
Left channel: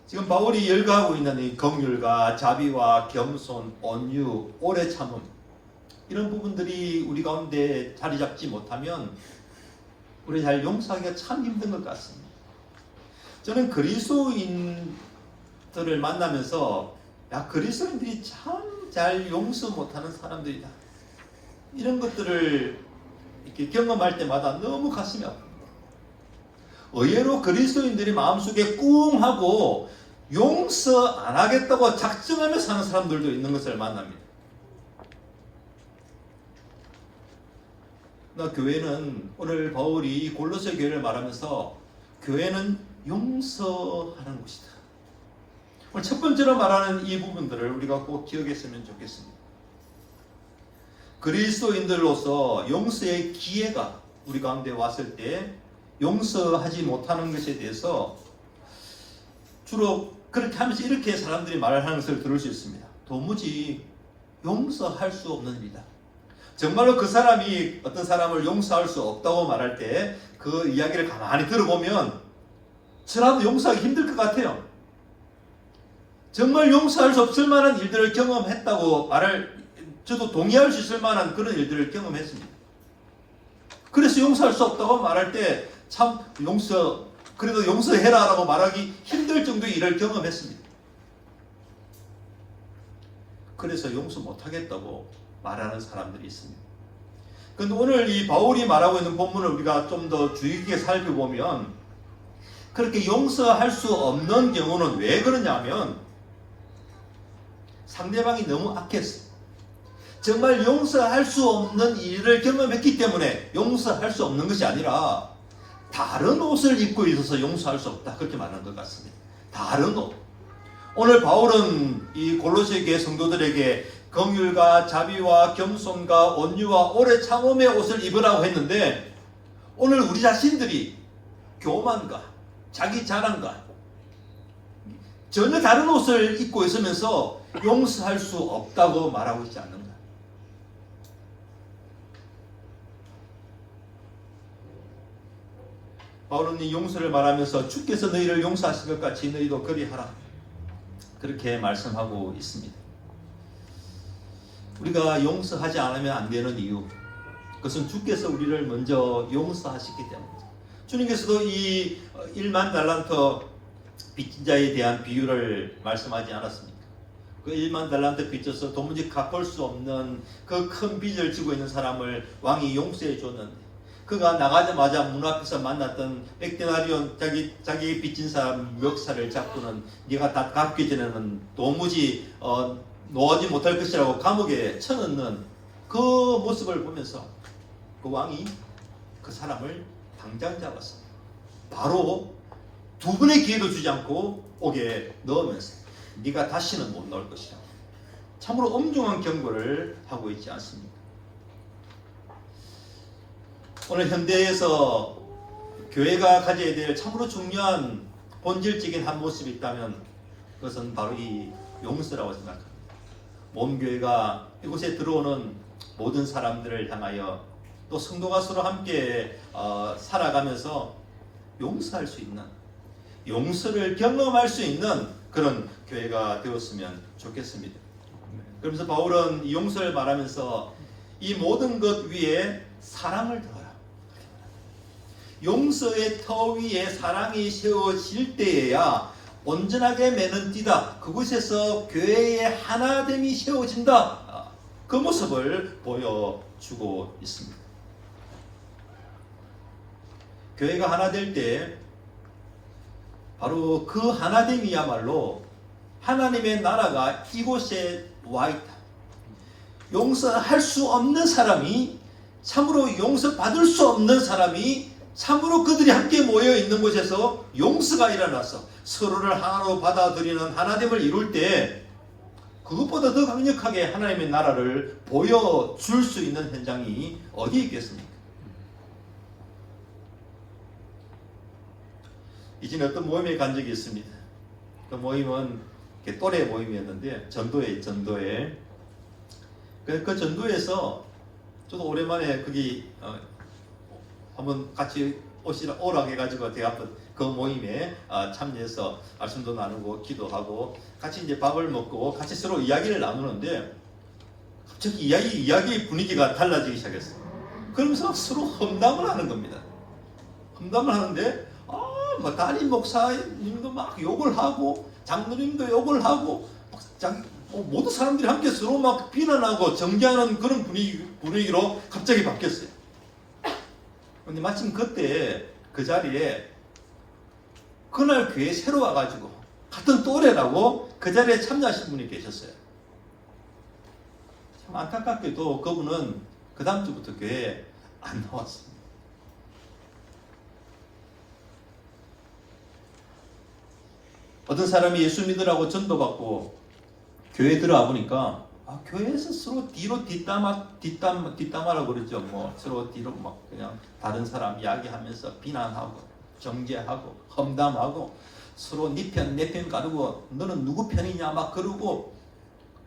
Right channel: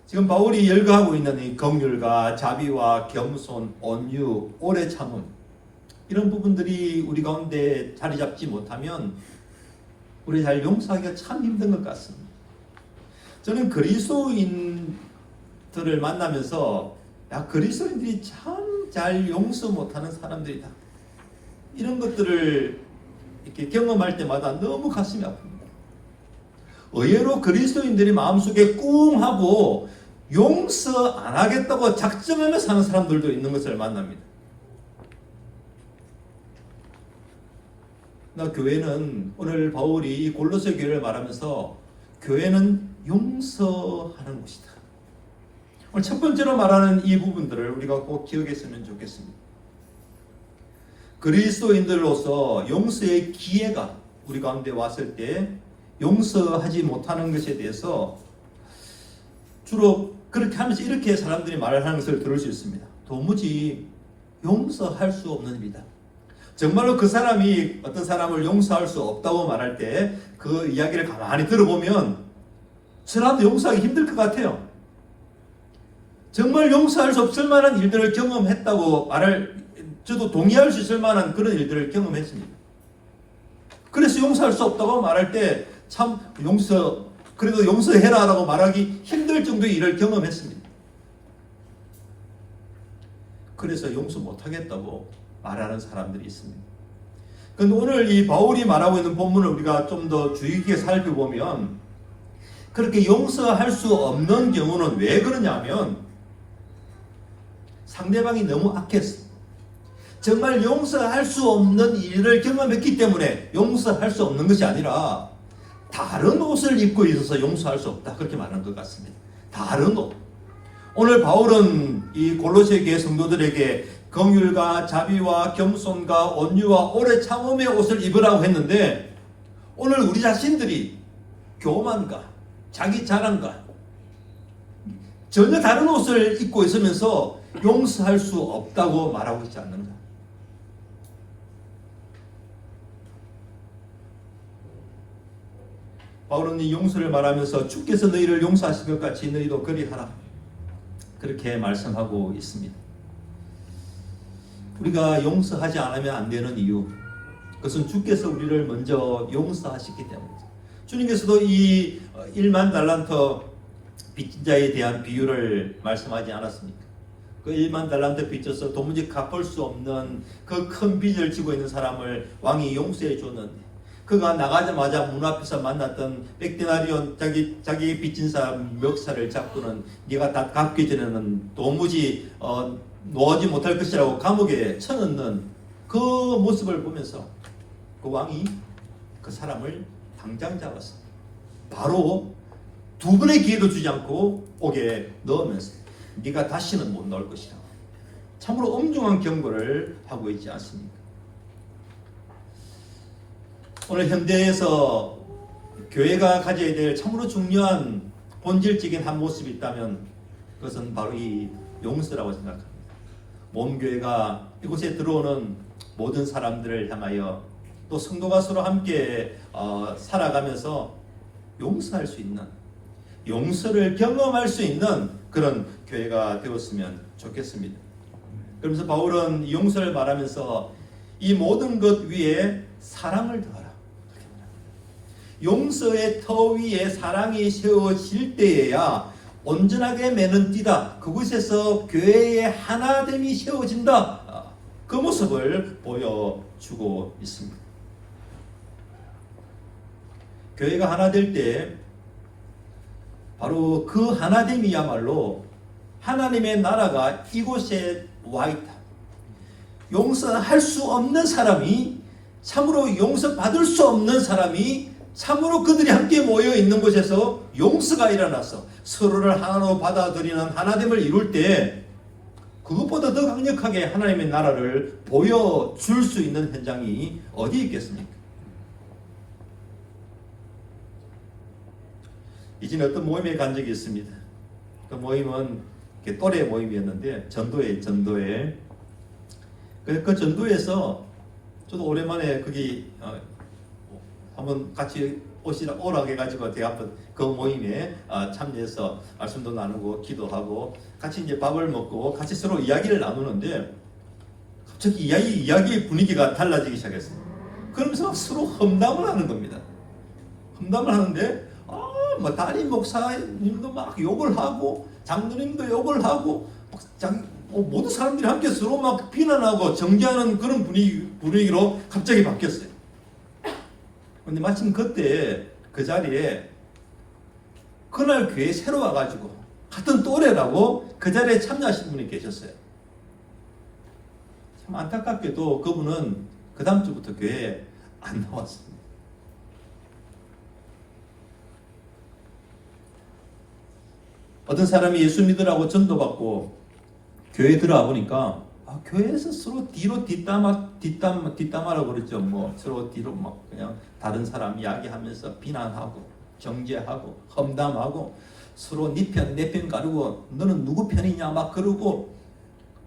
지금 바울이 열거하고 있는 이 긍휼과 자비와 겸손, 온유, 오래 참음, 이런 부분들이 우리 가운데 자리 잡지 못하면 우리 잘 용서하기가 참 힘든 것 같습니다. 저는 그리스도인들을 만나면서 그리스도인들이 참 잘 용서 못하는 사람들이다, 이런 것들을 이렇게 경험할 때마다 너무 가슴이 아픕니다. 의외로 그리스도인들이 마음속에 꿍 하고 용서 안 하겠다고 작정하며 사는 사람들도 있는 것을 만납니다. 교회는, 오늘 바울이 골로새 교회를 말하면서 교회는 용서하는 곳이다. 오늘 첫 번째로 말하는 이 부분들을 우리가 꼭 기억했으면 좋겠습니다. 그리스도인들로서 용서의 기회가 우리 가운데 왔을 때 용서하지 못하는 것에 대해서 주로 그렇게 하면서 이렇게 사람들이 말을 하는 것을 들을 수 있습니다. 도무지 용서할 수 없는 일이다. 정말로 그 사람이 어떤 사람을 용서할 수 없다고 말할 때 그 이야기를 가만히 들어보면 저라도 용서하기 힘들 것 같아요. 정말 용서할 수 없을 만한 일들을 경험했다고 저도 동의할 수 있을 만한 그런 일들을 경험했습니다. 그래서 용서할 수 없다고 말할 때 참 그래도 용서해라라고 말하기 힘들 정도의 일을 경험했습니다. 그래서 용서 못하겠다고 말하는 사람들이 있습니다. 그런데 오늘 이 바울이 말하고 있는 본문을 우리가 좀 더 주의 깊게 살펴보면 그렇게 용서할 수 없는 경우는 왜 그러냐면 상대방이 너무 악했어. 정말 용서할 수 없는 일을 경험했기 때문에 용서할 수 없는 것이 아니라 다른 옷을 입고 있어서 용서할 수 없다. 그렇게 말하는 것 같습니다. 다른 옷. 오늘 바울은 이 골로새 교회 성도들에게 긍휼과 자비와 겸손과 온유와 오래 참음의 옷을 입으라고 했는데 오늘 우리 자신들이 교만과 자기 자랑과 전혀 다른 옷을 입고 있으면서 용서할 수 없다고 말하고 있지 않는가. 바울은 이 용서를 말하면서 주께서 너희를 용서하신 것 같이 너희도 그리하라. 그렇게 말씀하고 있습니다. 우리가 용서하지 않으면 안 되는 이유, 그것은 주께서 우리를 먼저 용서하셨기 때문입니다. 주님께서도 이 1만 달란트 빚진 자에 대한 비유를 말씀하지 않았습니까? 그 1만 달란트 빚져서 도무지 갚을 수 없는 그 큰 빚을 지고 있는 사람을 왕이 용서해 줬는데 그가 나가자마자 문 앞에서 만났던 백데나리온 자기 빚진 사람 멱살을 잡고는 네가 다 갚기 전에는 도무지 놓아지 못할 것이라고 감옥에 쳐넣는 그 모습을 보면서 그 왕이 그 사람을 당장 잡았어. 바로 두 번의 기회도 주지 않고 옥에 넣으면서 네가 다시는 못 나올 것이다. 참으로 엄중한 경고를 하고 있지 않습니까? 오늘 현대에서 교회가 가져야 될 참으로 중요한 본질적인 한 모습이 있다면 그것은 바로 이 용서라고 생각합니다. 몸교회가 이곳에 들어오는 모든 사람들을 향하여 또 성도가 서로 함께 살아가면서 용서할 수 있는, 용서를 경험할 수 있는 그런 교회가 되었으면 좋겠습니다. 그러면서 바울은 용서를 말하면서 이 모든 것 위에 사랑을 더하라. 용서의 터 위에 사랑이 세워질 때에야 온전하게 매는 띠다. 그곳에서 교회의 하나됨이 세워진다. 그 모습을 보여주고 있습니다. 교회가 하나 될 때 바로 그 하나됨이야말로 하나님의 나라가 이곳에 와 있다. 용서할 수 없는 사람이, 참으로 용서받을 수 없는 사람이 참으로 그들이 함께 모여 있는 곳에서 용서가 일어나서 서로를 하나로 받아들이는 하나됨을 이룰 때 그것보다 더 강력하게 하나님의 나라를 보여줄 수 있는 현장이 어디에 있겠습니까? 이전에 어떤 모임에 간 적이 있습니다. 그 모임은 또래 모임이었는데 전도회. 그 전도에서 저도 오랜만에 거기 한번 같이 오라 해가지고 제가 한번 그 모임에 참여해서 말씀도 나누고 기도하고 같이 이제 밥을 먹고 같이 서로 이야기를 나누는데 갑자기 이야기 분위기가 달라지기 시작했어요. 그러면서 서로 험담을 하는 겁니다. 험담을 하는데 뭐 담임 목사님도 막 욕을 하고 장로님도 욕을 하고 모든 사람들이 함께 서로 막 비난하고 정죄하는 그런 분위기로 갑자기 바뀌었어요. 근데 마침 그때 그 자리에 그날 교회에 새로 와가지고 같은 또래라고 그 자리에 참여하신 분이 계셨어요. 참 안타깝게도 그분은 그 다음 주부터 교회에 안 나왔습니다. 어떤 사람이 예수 믿으라고 전도받고 교회에 들어와 보니까 교회에서 서로 뒤로 뒷담화라고 그랬죠. 뭐 서로 뒤로 막 그냥 다른 사람 이야기하면서 비난하고 정죄하고 험담하고 서로 네 편 내 편 가르고 너는 누구 편이냐 막 그러고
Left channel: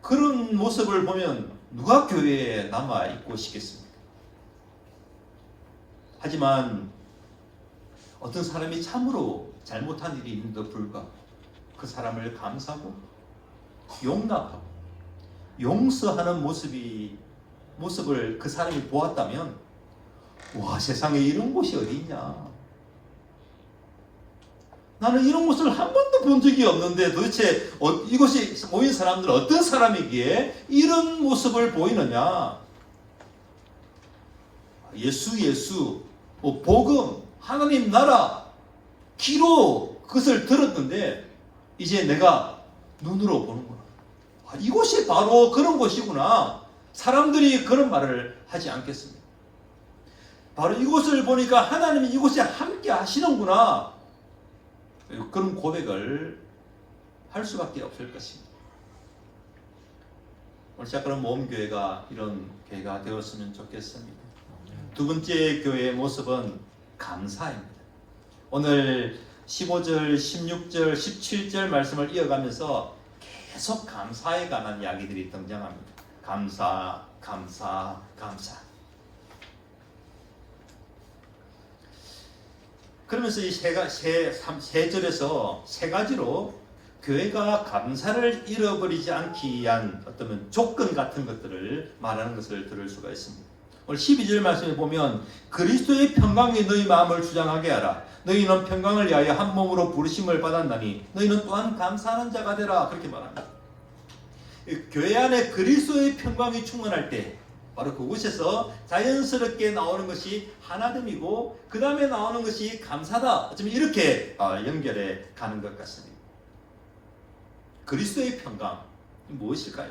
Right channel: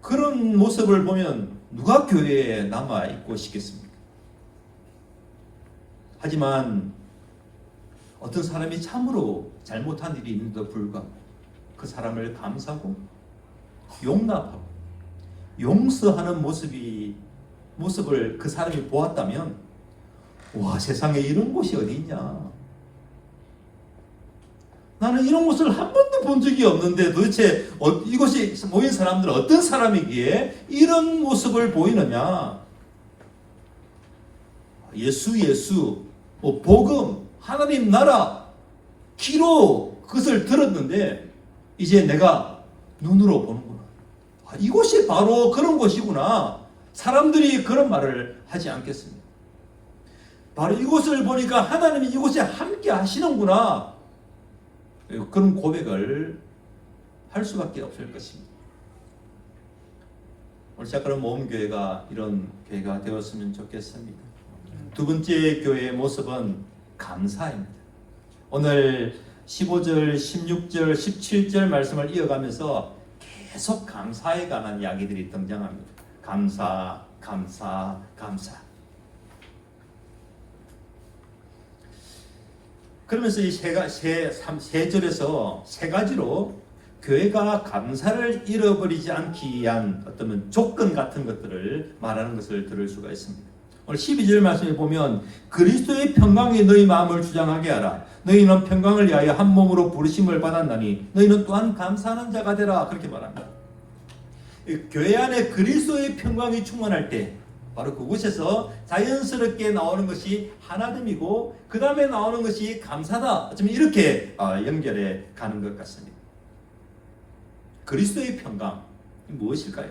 그런 모습을 보면 누가 교회에 남아 있고 싶겠습니까? 하지만 어떤 사람이 참으로 잘못한 일이 있는데도 불구하고 그 사람을 감싸고 용납하고 용서하는 모습을 그 사람이 보았다면 와 세상에 이런 곳이 어디 있냐, 나는 이런 모습을 한 번도 본 적이 없는데 도대체 이곳이 모인 사람들 어떤 사람이기에 이런 모습을 보이느냐. 예수 뭐 복음 하나님 나라 귀로 그것을 들었는데 이제 내가 눈으로 보는구나. 이곳이 바로 그런 것이구나. 사람들이 그런 말을 하지 않겠습니까? 바로 이곳을 보니까 하나님이 이곳에 함께 하시는구나. 그런 고백을 할 수밖에 없을 것입니다. 오늘 시작하는 모험교회가 이런 교회가 되었으면 좋겠습니다. 두 번째 교회의 모습은 감사입니다. 오늘 15절, 16절, 17절 말씀을 이어가면서 계속 감사에 관한 이야기들이 등장합니다. 감사. 그러면서 이 세 절에서 세 가지로 교회가 감사를 잃어버리지 않기 위한 어떤 조건 같은 것들을 말하는 것을 들을 수가 있습니다. 오늘 12절 말씀에 보면 그리스도의 평강이 너희 마음을 주장하게 하라. 너희는 평강을 위하여 한 몸으로 부르심을 받았나니 너희는 또한 감사하는 자가 되라. 그렇게 말합니다. 교회 안에 그리스도의 평강이 충만할 때 바로 그곳에서 자연스럽게 나오는 것이 하나됨이고 그 다음에 나오는 것이 감사다. 어쩌면 이렇게 연결해 가는 것 같습니다. 그리스도의 평강 무엇일까요?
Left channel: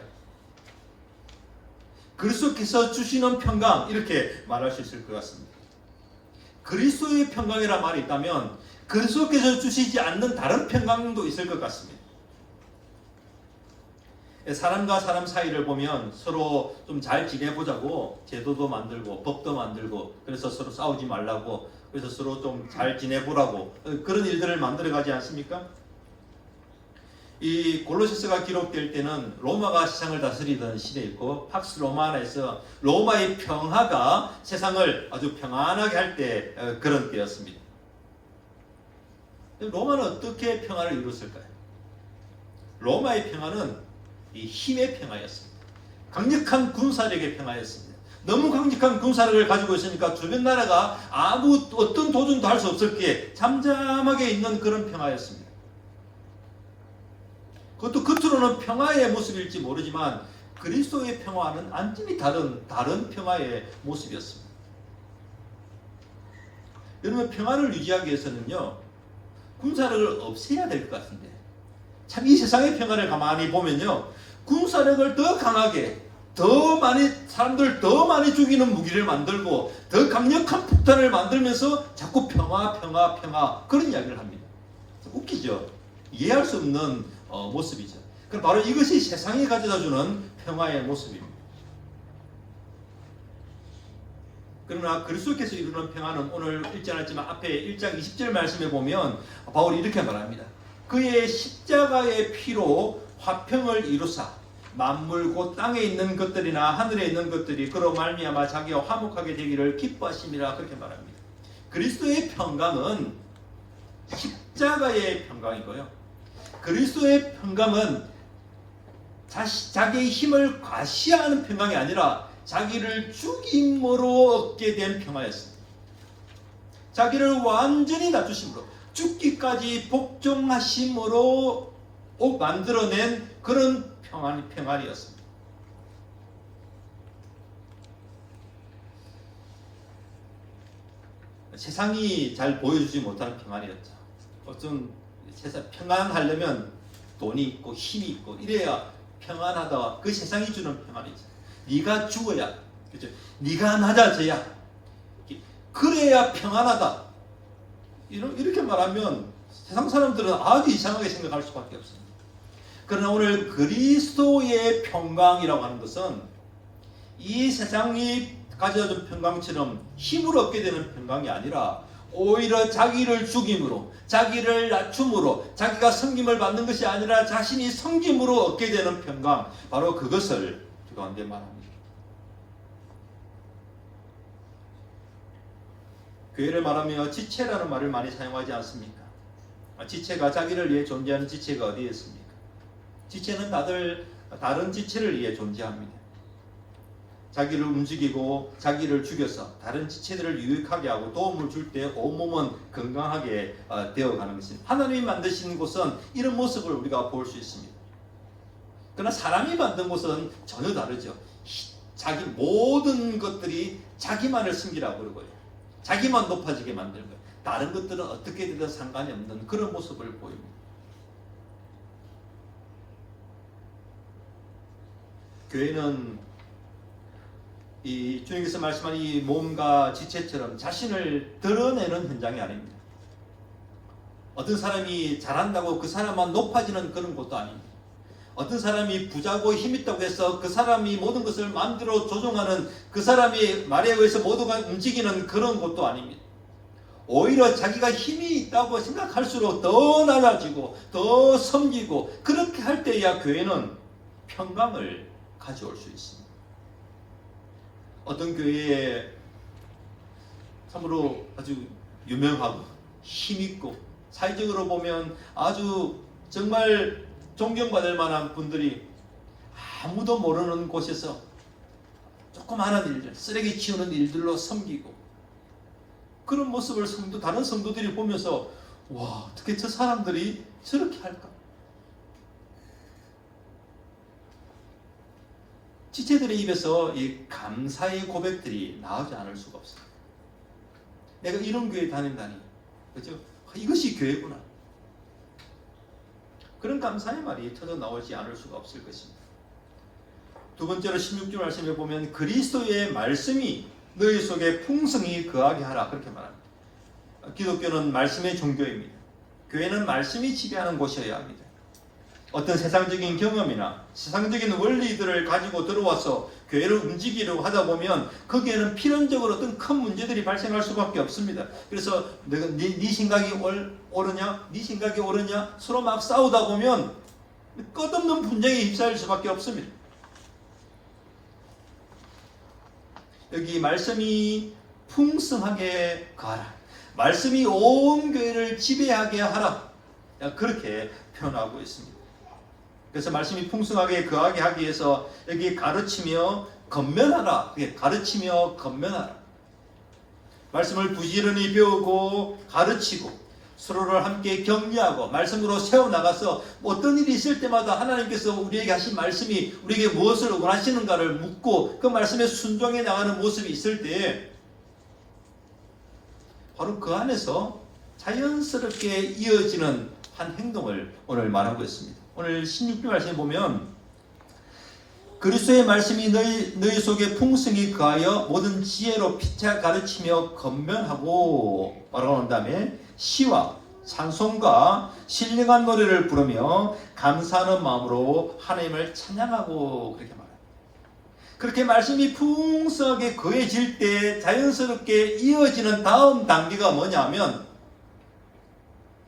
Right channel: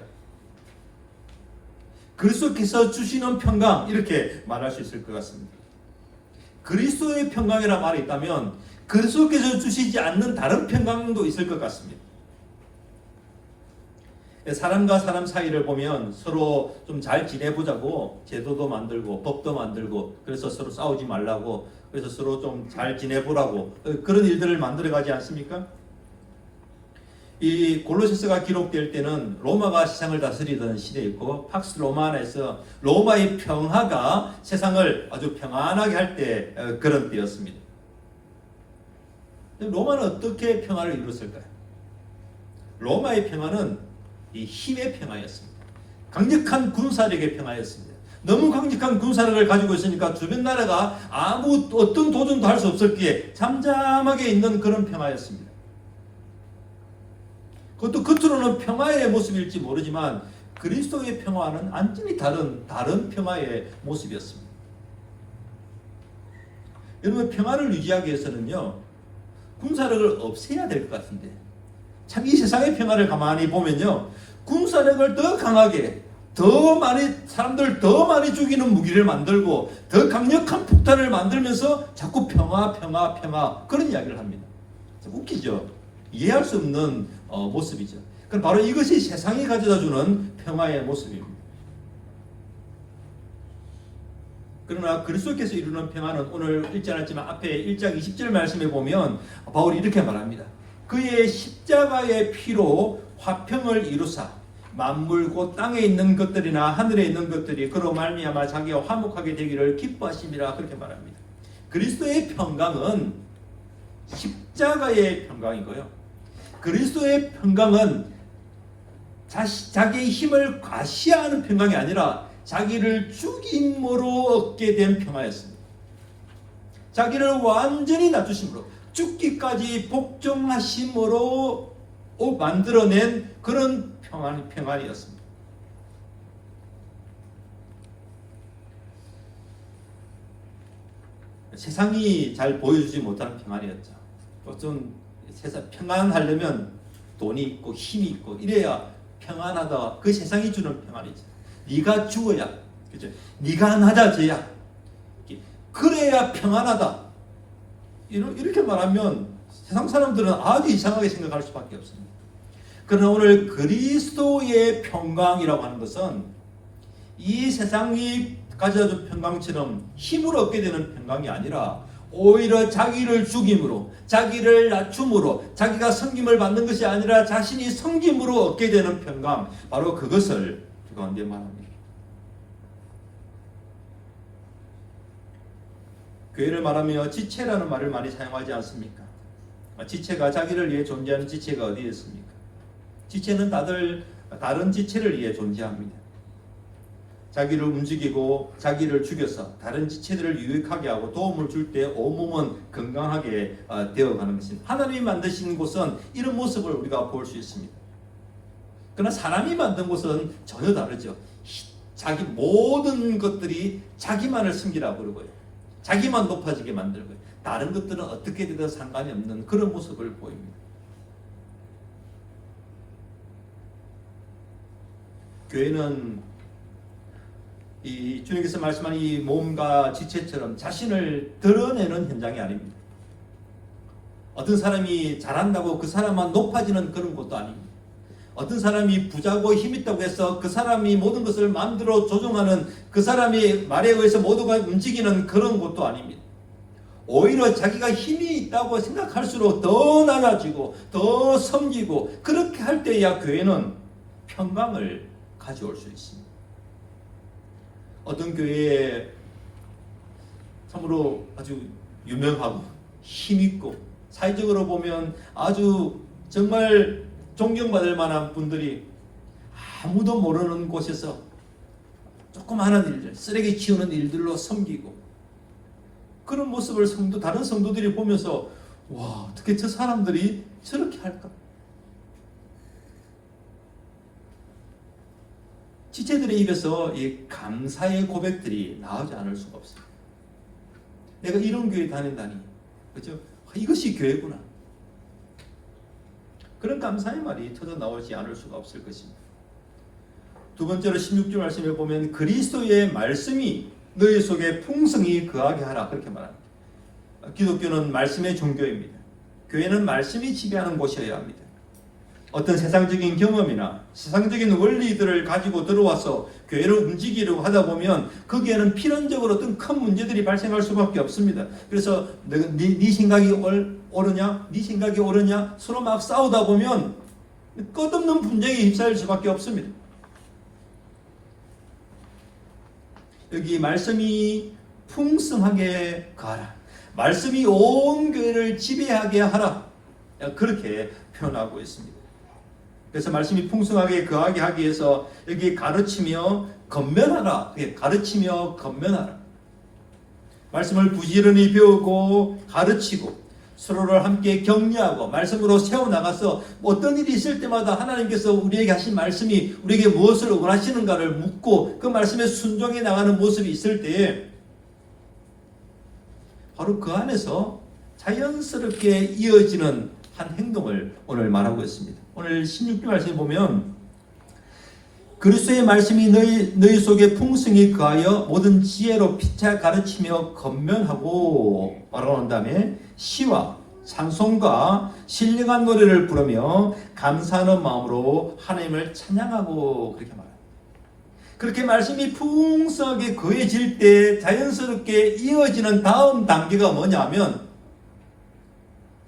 그리스도께서 주시는 평강 이렇게 말할 수 있을 것 같습니다. 그리스도의 평강이라는 말이 있다면 그리스도께서 주시지 않는 다른 평강도 있을 것 같습니다. 사람과 사람 사이를 보면 서로 좀 잘 지내보자고 제도도 만들고 법도 만들고 그래서 서로 싸우지 말라고 그래서 서로 좀 잘 지내보라고 그런 일들을 만들어가지 않습니까? 이 골로새서가 기록될 때는 로마가 세상을 다스리던 시대였고 팍스 로마나에서 로마의 평화가 세상을 아주 평안하게 할 때 그런 때였습니다. 로마는 어떻게 평화를 이뤘을까요? 로마의 평화는 이 힘의 평화였습니다. 강력한 군사력의 평화였습니다. 너무 강력한 군사력을 가지고 있으니까 주변 나라가 어떤 도전도 할 수 없었기에 잠잠하게 있는 그런 평화였습니다. 그것도 겉으로는 평화의 모습일지 모르지만 그리스도의 평화는 완전히 다른 평화의 모습이었습니다. 여러분 평화를 유지하기 위해서는요 군사력을 없애야 될 것 같은데 참 이 세상의 평화를 가만히 보면요 군사력을 더 강하게 더 많이 사람들 더 많이 죽이는 무기를 만들고 더 강력한 폭탄을 만들면서 자꾸 평화 그런 이야기를 합니다. 웃기죠? 이해할 수 없는 모습이죠. 그럼 바로 이것이 세상이 가져다주는 평화의 모습입니다. 그러나 그리스도께서 이루는 평화는 오늘 읽지 않았지만 앞에 1장 20절 말씀에 보면 바울이 이렇게 말합니다. 그의 십자가의 피로 화평을 이루사 만물 곧 땅에 있는 것들이나 하늘에 있는 것들이 그로 말미암아 자기와 화목하게 되기를 기뻐하심이라 그렇게 말합니다. 그리스도의 평강은 십자가의 평강이고요. 그리스도의 평강은 자기의 힘을 과시하는 평강이 아니라 자기를 죽임으로 얻게 된 평화였습니다. 자기를 완전히 낮추심으로 죽기까지 복종하심으로 만들어낸 그런 평안이었습니다. 세상이 잘 보여주지 못하는 평안이었죠. 어떤 세상 평안하려면 돈이 있고 힘이 있고 이래야 평안하다. 그 세상이 주는 평안이죠. 네가 죽어야, 그렇죠? 네가 낮아져야, 그래야 평안하다. 이렇게 말하면 세상 사람들은 아주 이상하게 생각할 수밖에 없습니다. 그러나 오늘 그리스도의 평강이라고 하는 것은 이 세상이 가져준 평강처럼 힘을 얻게 되는 평강이 아니라 오히려 자기를 죽임으로, 자기를 낮춤으로, 자기가 섬김을 받는 것이 아니라 자신이 섬김으로 얻게 되는 평강, 바로 그것을 그 가운데 말합니다. 교회를 말하며 지체라는 말을 많이 사용하지 않습니까? 지체가 자기를 위해 존재하는 지체가 어디에 있습니까? 지체는 다른 지체를 위해 존재합니다. 자기를 움직이고 자기를 죽여서 다른 지체들을 유익하게 하고 도움을 줄 때 온몸은 건강하게 되어가는 것입니다. 하나님이 만드신 곳은 이런 모습을 우리가 볼 수 있습니다. 그러나 사람이 만든 곳은 전혀 다르죠. 자기 모든 것들이 자기만을 숨기라고 그러고요. 자기만 높아지게 만들고요. 다른 것들은 어떻게 되든 상관이 없는 그런 모습을 보입니다. 교회는 이 주님께서 말씀한 이 몸과 지체처럼 자신을 드러내는 현장이 아닙니다. 어떤 사람이 잘한다고 그 사람만 높아지는 그런 것도 아닙니다. 어떤 사람이 부자고 힘있다고 해서 그 사람이 모든 것을 마음대로 조종하는 그 사람이 말에 의해서 모두가 움직이는 그런 것도 아닙니다. 오히려 자기가 힘이 있다고 생각할수록 더 나눠지고 더 섬기고 그렇게 할 때야 교회는 평강을 가져올 수 있습니다. 어떤 교회에 참으로 아주 유명하고 힘있고 사회적으로 보면 아주 정말 존경받을 만한 분들이 아무도 모르는 곳에서 조그마한 일들, 쓰레기 치우는 일들로 섬기고 그런 모습을 다른 성도들이 보면서 와, 어떻게 저 사람들이 저렇게 할까? 지체들의 입에서 이 감사의 고백들이 나오지 않을 수가 없어요. 내가 이런 교회 다닌다니, 그렇죠? 이것이 교회구나. 그런 감사의 말이 터져 나오지 않을 수가 없을 것입니다. 두 번째로 16절 말씀에 보면 그리스도의 말씀이 너희 속에 풍성히 거하게 하라 그렇게 말합니다. 기독교는 말씀의 종교입니다. 교회는 말씀이 지배하는 곳이어야 합니다. 어떤 세상적인 경험이나 세상적인 원리들을 가지고 들어와서 교회를 움직이려고 하다 보면 거기에는 필연적으로 어떤 큰 문제들이 발생할 수밖에 없습니다. 그래서 네 생각이 옳으냐, 네 생각이 옳으냐 서로 막 싸우다 보면 끝없는 분쟁에 휩싸일 수밖에 없습니다. 여기 말씀이 풍성하게 가라, 말씀이 온 교회를 지배하게 하라, 그렇게 표현하고 있습니다. 그래서 말씀이 풍성하게 거하게 하기 위해서 여기 가르치며 건면하라, 가르치며 건면하라. 말씀을 부지런히 배우고 가르치고 서로를 함께 격려하고 말씀으로 세워나가서 어떤 일이 있을 때마다 하나님께서 우리에게 하신 말씀이 우리에게 무엇을 원하시는가를 묻고 그 말씀에 순종해 나가는 모습이 있을 때 바로 그 안에서 자연스럽게 이어지는 한 행동을 오늘 말하고 있습니다. 오늘 16절 말씀에 보면 그리스도의 말씀이 너희 속에 풍성히 거하여 모든 지혜로 피차 가르치며 건면하고 말하는 다음에 시와 찬송과 신령한 노래를 부르며 감사하는 마음으로 하나님을 찬양하고 그렇게 말합니다. 그렇게 말씀이 풍성하게 거해질 때 자연스럽게 이어지는 다음 단계가 뭐냐면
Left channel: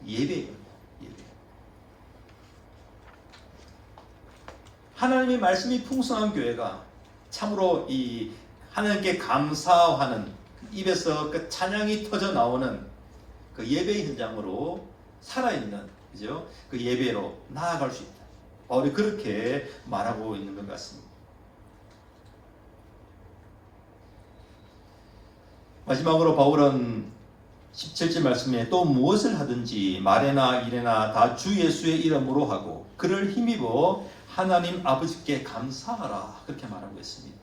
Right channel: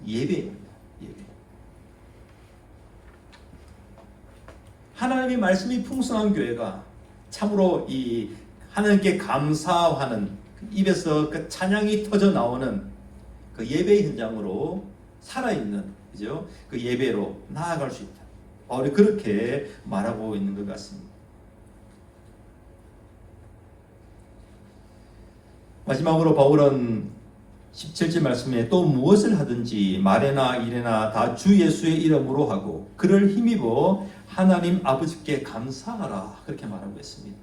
예배예요. 하나님의 말씀이 풍성한 교회가 참으로 이 하나님께 감사하는 입에서 그 찬양이 터져 나오는 그 예배 현장으로 살아있는, 그죠? 그 예배로 나아갈 수 있다. 바울이 그렇게 말하고 있는 것 같습니다. 마지막으로 바울은 17절 말씀에 또 무엇을 하든지 말에나 일에나 다 주 예수의 이름으로 하고 그를 힘입어 하나님 아버지께 감사하라 그렇게 말하고 있습니다.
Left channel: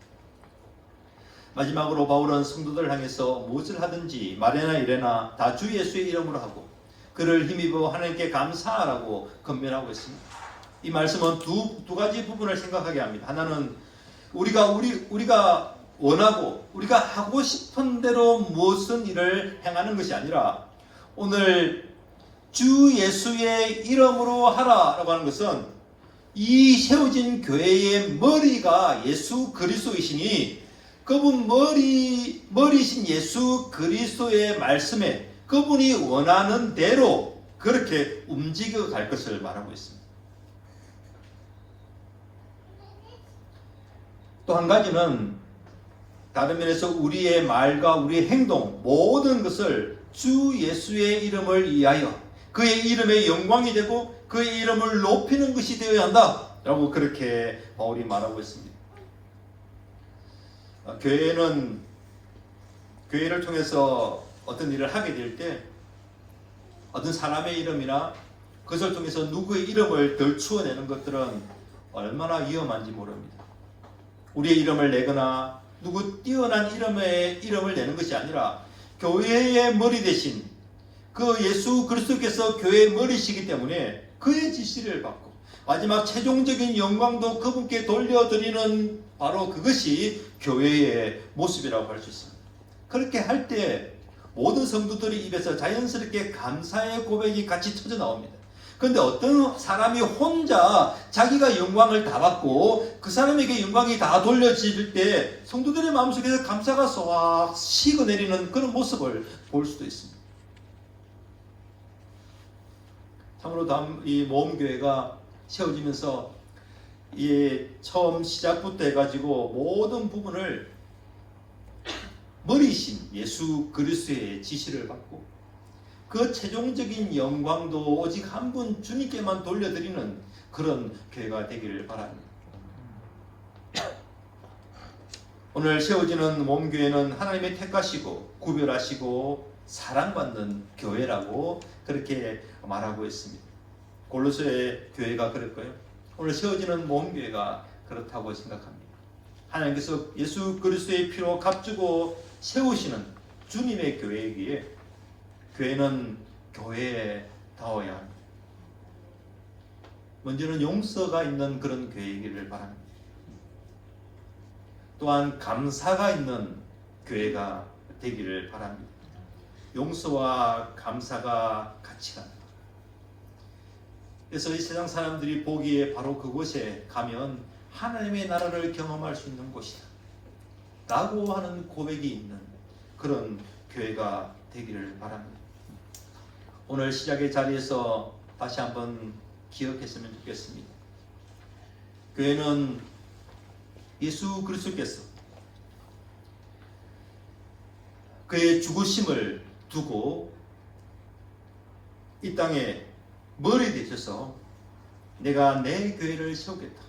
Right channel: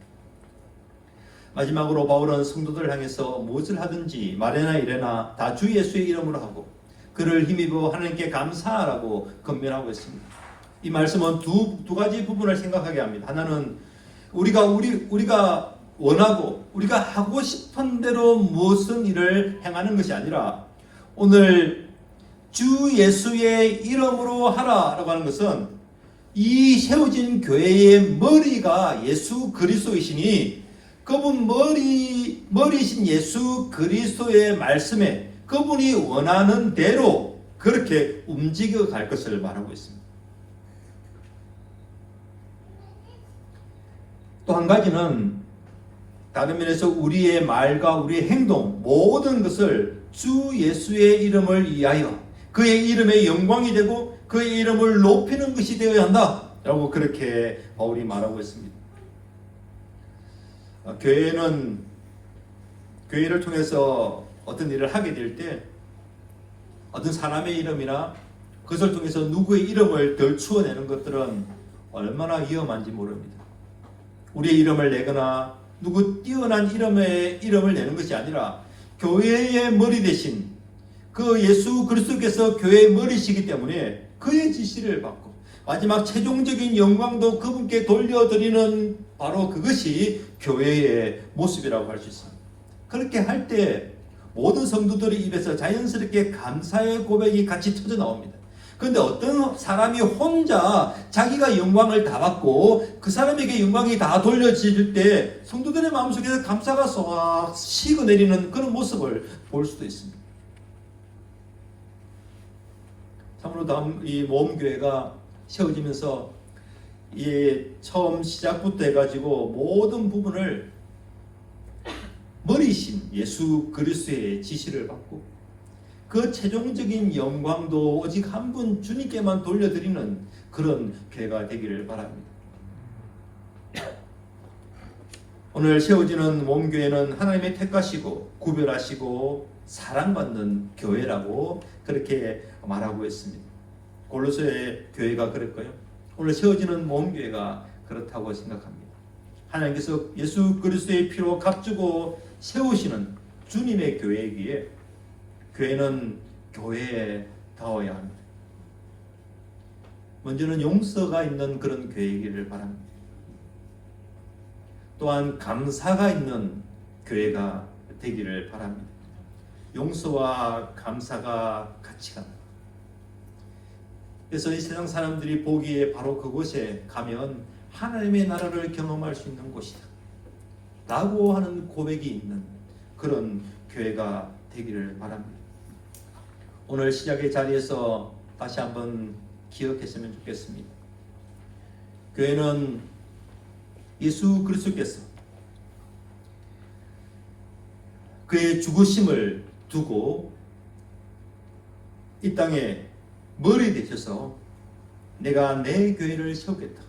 마지막으로 바울은 성도들을 향해서 무엇을 하든지 말에나 일에나 다 주 예수의 이름으로 하고 그를 힘입어 하나님께 감사하라고 권면하고 있습니다. 이 말씀은 두 가지 부분을 생각하게 합니다. 하나는 우리가 원하고 우리가 하고 싶은 대로 무슨 일을 행하는 것이 아니라 오늘 주 예수의 이름으로 하라라고 하는 것은 이 세워진 교회의 머리가 예수 그리스도이시니 그분 머리신 예수 그리스도의 말씀에 그분이 원하는 대로 그렇게 움직여 갈 것을 말하고 있습니다. 또 한 가지는 다른 면에서 우리의 말과 우리의 행동 모든 것을 주 예수의 이름을 위하여 그의 이름의 영광이 되고 그의 이름을 높이는 것이 되어야 한다 라고 그렇게 바울이 말하고 있습니다. 교회를 통해서 어떤 일을 하게 될 때 어떤 사람의 이름이나 그것을 통해서 누구의 이름을 덜추어내는 것들은 얼마나 위험한지 모릅니다. 우리의 이름을 내거나 누구 뛰어난 이름을 내는 것이 아니라 교회의 머리 대신 그 예수 그리스도께서 교회의 머리시기 때문에 그의 지시를 받고 마지막 최종적인 영광도 그분께 돌려드리는 바로 그것이 교회의 모습이라고 할 수 있습니다. 그렇게 할 때 모든 성도들의 입에서 자연스럽게 감사의 고백이 같이 터져 나옵니다. 그런데 어떤 사람이 혼자 자기가 영광을 다 받고 그 사람에게 영광이 다 돌려질 때 성도들의 마음속에서 감사가 쏙 식어내리는 그런 모습을 볼 수도 있습니다. 참으로 이 모험교회가 세워지면서 이 처음 시작부터 해가지고 모든 부분을 머리신 예수 그리스도의 지시를 받고 그 최종적인 영광도 오직 한 분 주님께만 돌려드리는 그런 교회가 되기를 바랍니다. 오늘 세워지는 모험교회는 하나님의 택하시고 구별하시고 사랑받는 교회라고 그렇게 말하고 있습니다. 골로새 교회가 그럴까요? 오늘 세워지는 모험교회가 그렇다고 생각합니다. 하나님께서 예수 그리스도의 피로 값주고 세우시는 주님의 교회이기에 교회는 교회다워야 합니다. 먼저는 용서가 있는 그런 교회이기를 바랍니다. 또한 감사가 있는 교회가 되기를 바랍니다. 용서와 감사가 같이 갑니다. 그래서 이 세상 사람들이 보기에 바로 그곳에 가면 하나님의 나라를 경험할 수 있는 곳이다 라고 하는 고백이 있는 그런 교회가 되기를 바랍니다. 오늘 시작의 자리에서 다시 한번 기억했으면 좋겠습니다. 교회는 예수 그리스도께서 그의 죽으심을 두고 이 땅에 머리 되셔서 내가 내 교회를 세우겠다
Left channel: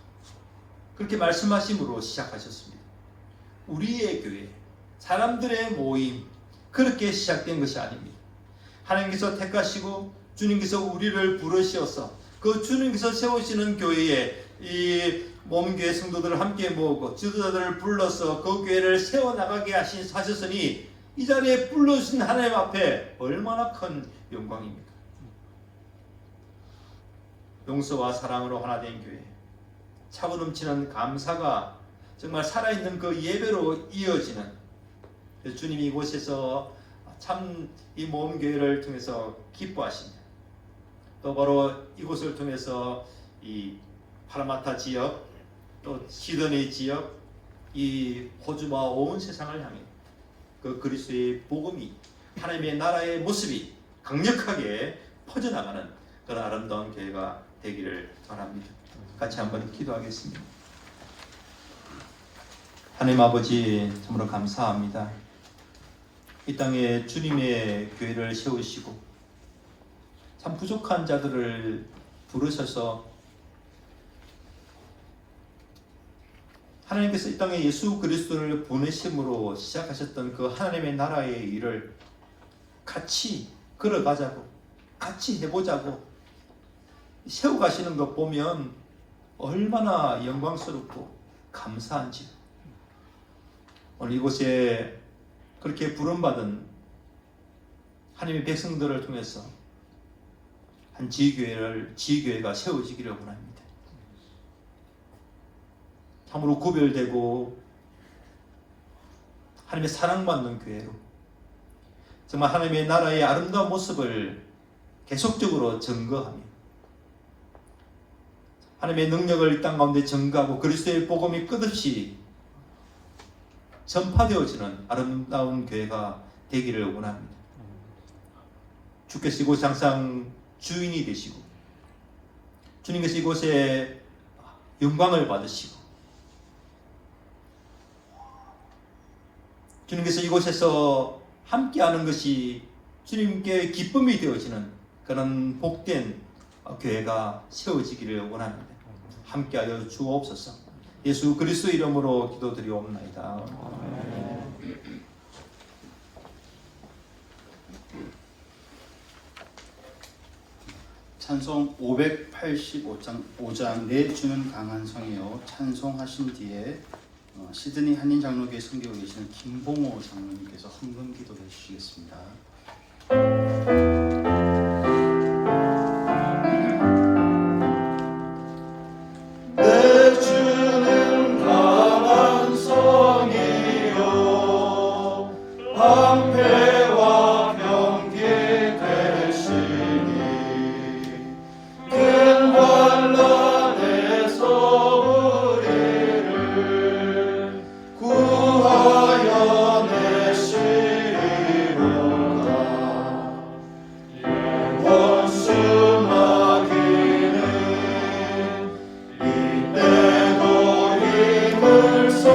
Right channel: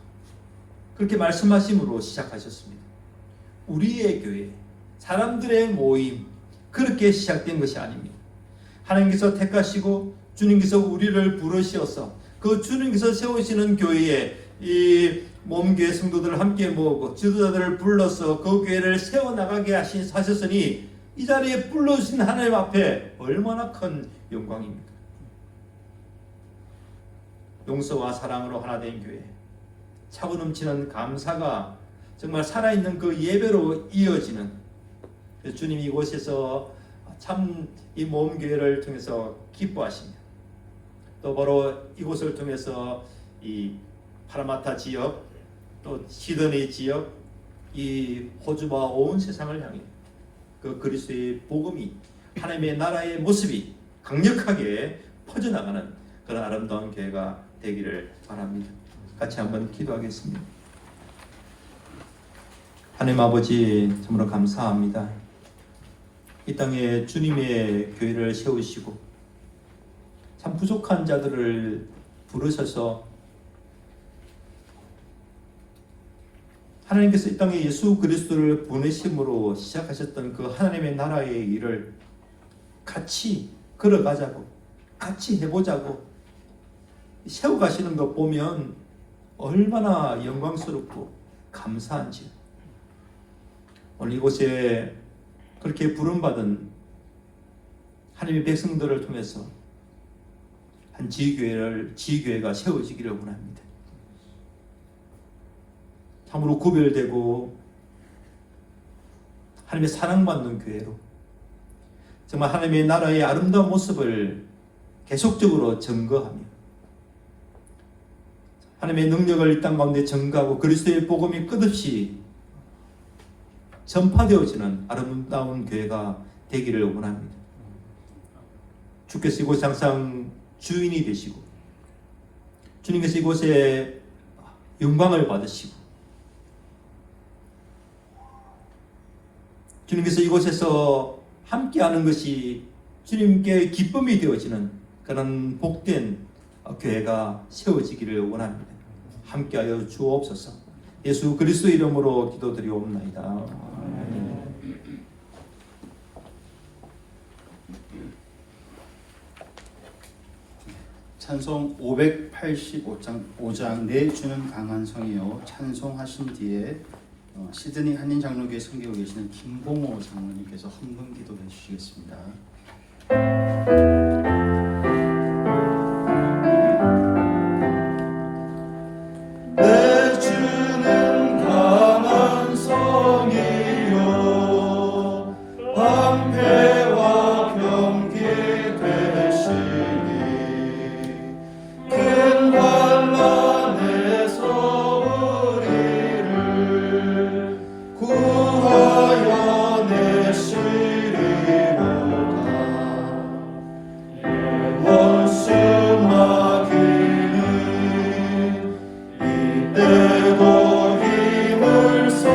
그렇게 말씀하심으로 시작하셨습니다. 우리의 교회, 사람들의 모임 그렇게 시작된 것이 아닙니다. 하나님께서 택하시고 주님께서 우리를 부르셔서 그 주님께서 세우시는 교회에 이 몸교회 성도들을 함께 모으고 지도자들을 불러서 그 교회를 세워나가게 하셨으니 이 자리에 불러주신 하나님 앞에 얼마나 큰 영광입니까? 용서와 사랑으로 하나 된 교회, 차고 넘치는 감사가 정말 살아있는 그 예배로 이어지는 주님이 이곳에서 참 이 모험교회를 통해서 기뻐하십니다. 또 바로 이곳을 통해서 이 파라마타 지역 또 시드니 지역 이 호주와 온 세상을 향해 그 그리스도의 복음이 하나님의 나라의 모습이 강력하게 퍼져나가는 그런 아름다운 교회가 되기를 바랍니다. 같이 한번 기도하겠습니다. 하나님 아버지 정말 감사합니다. 이 땅에 주님의 교회를 세우시고 참 부족한 자들을 부르셔서 하나님께서 이 땅에 예수 그리스도를 보내심으로 시작하셨던 그 하나님의 나라의 일을 같이 걸어가자고 같이 해보자고 세워가시는 것 보면 얼마나 영광스럽고 감사한지 오늘 이곳에 그렇게 부름받은 하나님의 백성들을 통해서 한 지교회가 세워지기를 원합니다. 참으로 구별되고 하나님의 사랑받는 교회로 정말 하나님의 나라의 아름다운 모습을 계속적으로 증거하며 하나님의 능력을 이 땅 가운데 증가하고 그리스도의 복음이 끝없이 전파되어지는 아름다운 교회가 되기를 원합니다. 주께서 이곳 항상 주인이 되시고 주님께서 이곳에 영광을 받으시고 주님께서 이곳에서 함께하는 것이 주님께 기쁨이 되어지는 그런 복된 교회가 세워지기를 원합니다. 함께하여 주옵소서. 예수 그리스도 이름으로 기도드리옵나이다. 찬송 585장 내 주는 강한 성이여 찬송하신 뒤에 시드니 한인 장로교회 섬기고 계시는 김봉호 장로님께서 헌금 기도해 주시겠습니다. 내 주는 강한 성이요 방패와 병기 되시니 큰 환난에서 우리를 구하여 내시리로다. 원수 마귀는 이때도 힘을 써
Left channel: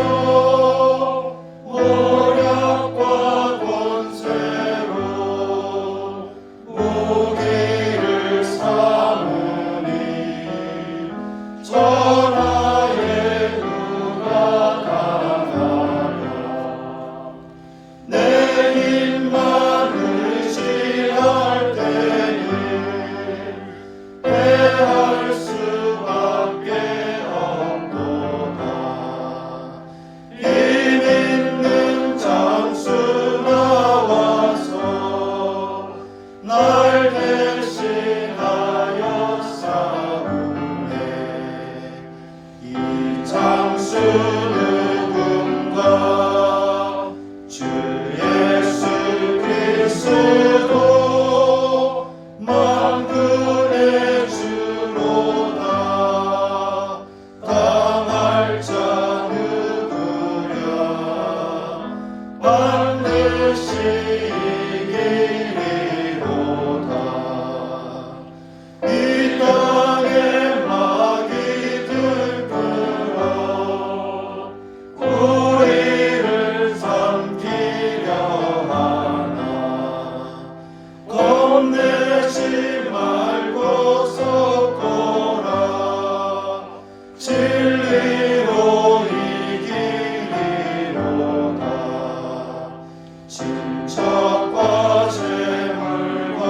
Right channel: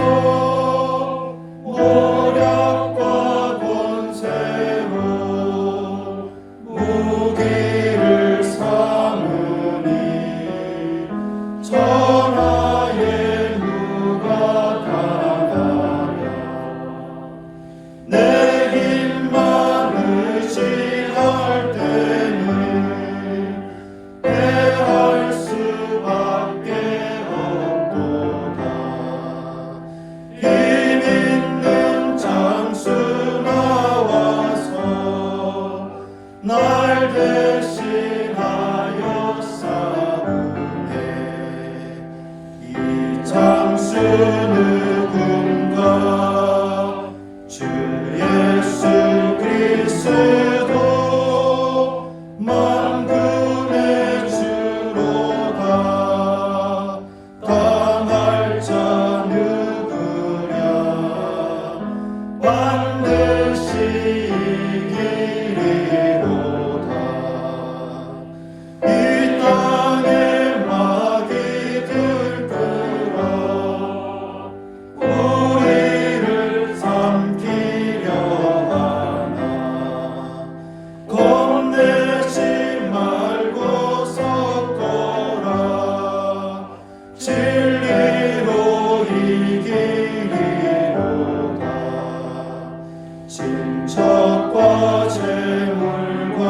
모략과 권세로 무기를 삼으니 전하에 누가 다가랴. 내 힘만 의지할 때는 패할 수밖에 없도다. 힘 있는 장수 나와서 날 대신하여 싸우네. 이 장수 누군가 주 예수 그리스도 만군의 주로다. 당할 자 누구랴 반드시 이기리로다. 이 땅에 마귀 들끓어 우리를 삼키려 하나. 겁내지 말고 섰거라. 진리로 이기리로다. 질척과 재물과